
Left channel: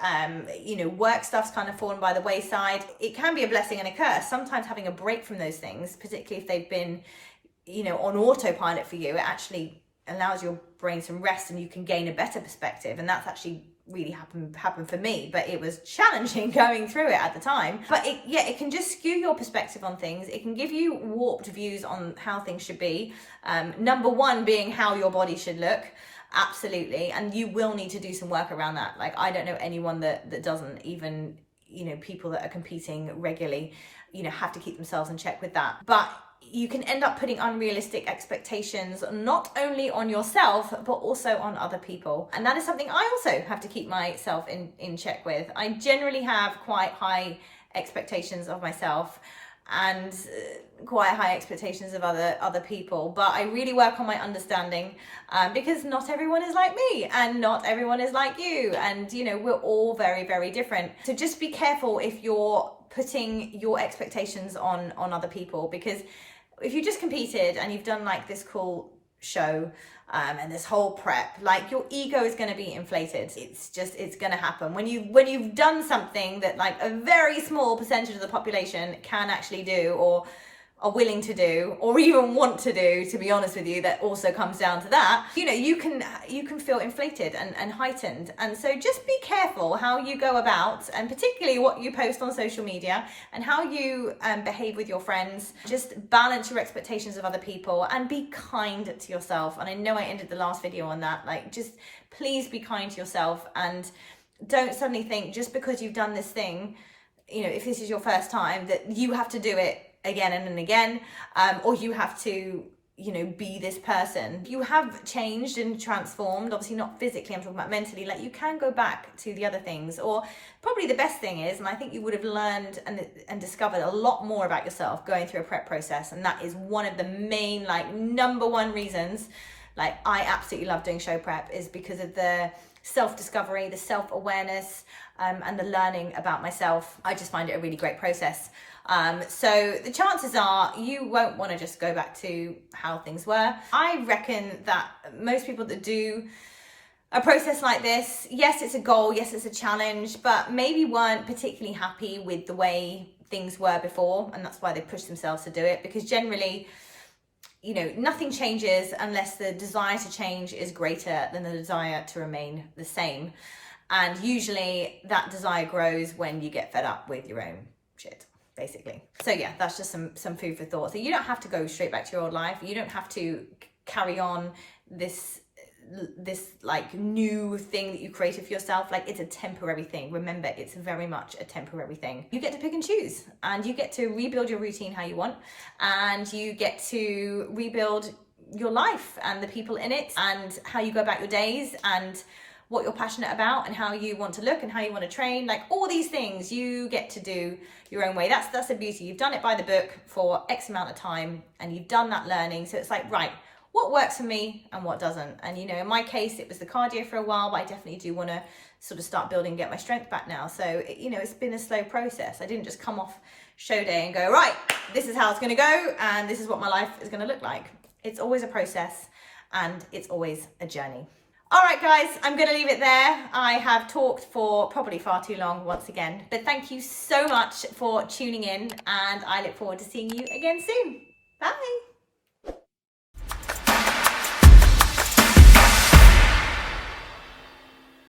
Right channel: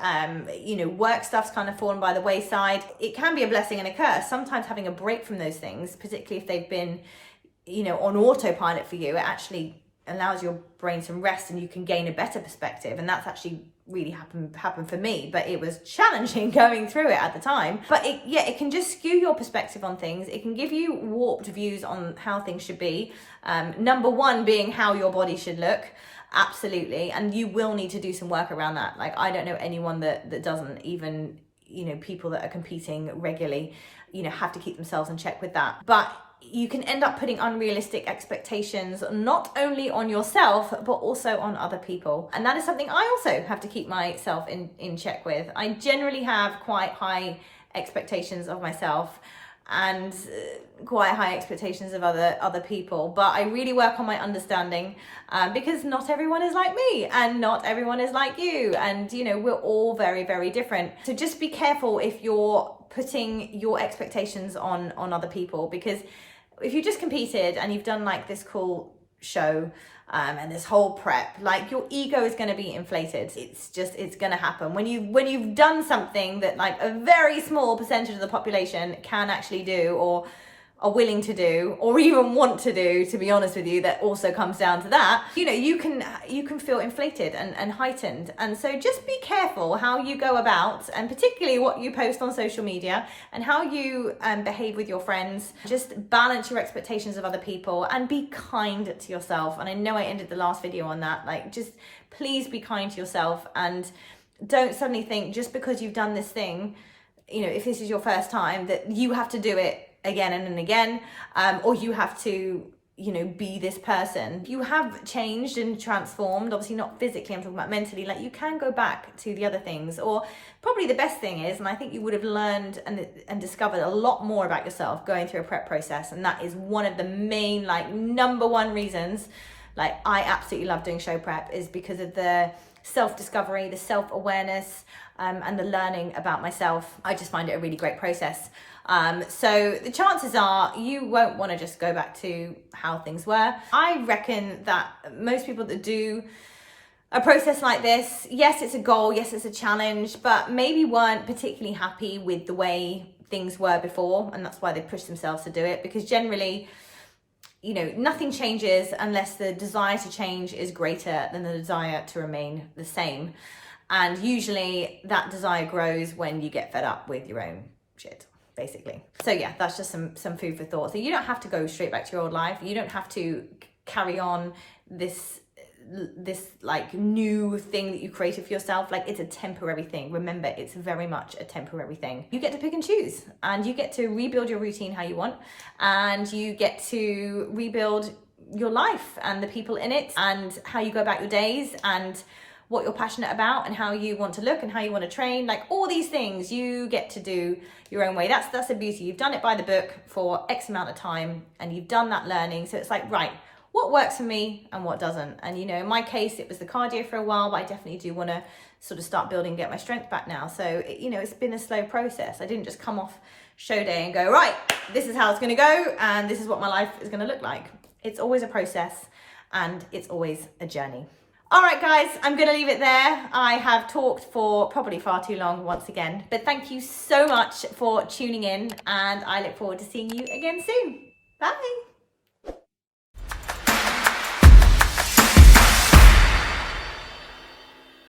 work stuff's kind of fallen by the wayside. It can be a blessing and a curse. Sometimes having a break from those things, particularly if they've been, on autopilot for you, it actually allows your brain some rest and you can gain a better perspective. And that's actually really happened for me, but it was challenging going through it at the time. But it can just skew your perspective on things. It can give you warped views on how things should be. Number one being how your body should look. Absolutely. And you will need to do some work around that. Like, I don't know anyone that doesn't. Even, people that are competing regularly, have to keep themselves in check with that. But you can end up putting unrealistic expectations not only on yourself but also on other people, and that is something I also have to keep myself in check with. I generally have quite high expectations of myself and quite high expectations of other people, but I really work on my understanding because not everyone is like me and not everyone is like you, and we're all very, very different. So just be careful if you're putting your expectations on other people, because if you just competed and you've done like this cool show and this whole prep, like, your ego is going to be inflated. It's going to happen when you've done something that like a very small percentage of the population can actually do, or are willing to do, or even want to do, to be honest with you. That also comes down to that. You can feel inflated and heightened. And so just be careful how you go about, and particularly what you post on social media and how you behave with your friends. Just balance your expectations of other people and be kind to yourself. And I know I ended the last video on that. Like, just please be kind to yourself, and don't suddenly think just because you've done this thing, if this is your first time, that you have to do it again and again, or you have to be this person. You have changed and transformed, obviously not physically, I'm talking about mentally. Like, you can go back to the other things, or probably the best thing is, and I think you would have learned and discovered a lot more about yourself going through a prep process, and that is one of the main, like, number one reasons like I absolutely love doing show prep, is because of the self-discovery, the self-awareness, and the learning about myself. I just find it a really great process. So the chances are you won't want to just go back to how things were. I reckon that most people that do a process like this, yes, it's a goal, yes, it's a challenge, but maybe weren't particularly happy with the way things were before, and that's why they pushed themselves to do it. Because generally, you know, nothing changes unless the desire to change is greater than the desire to remain the same. And usually that desire grows when you get fed up with your own shit, basically. So yeah, that's just some food for thought. So you don't have to go straight back to your old life. You don't have to carry on this like new thing that you created for yourself. Like, it's a temporary thing. Remember, it's very much a temporary thing. You get to pick and choose, and you get to rebuild your routine how you want, and you get to rebuild your life and the people in it, and how you go about your days, and what you're passionate about, and how you want to look, and how you want to train. Like, all these things you get to do your own way. That's the beauty. You've done it by the book for X amount of time, and you've done that learning. So it's like, right, what works for me and what doesn't. And, you know, in my case, it was the cardio for a while, but I definitely do want to sort of start building and get my strength back now. So, you know, it's been a slow process. I didn't just come off show day and go, right, this is how it's going to go, and this is what my life is going to look like. It's always a process, and it's always a journey. All right, guys, I'm going to leave it there. I have talked for probably far too long once again, but thank you so much for tuning in, and I look forward to seeing you again soon. Bye.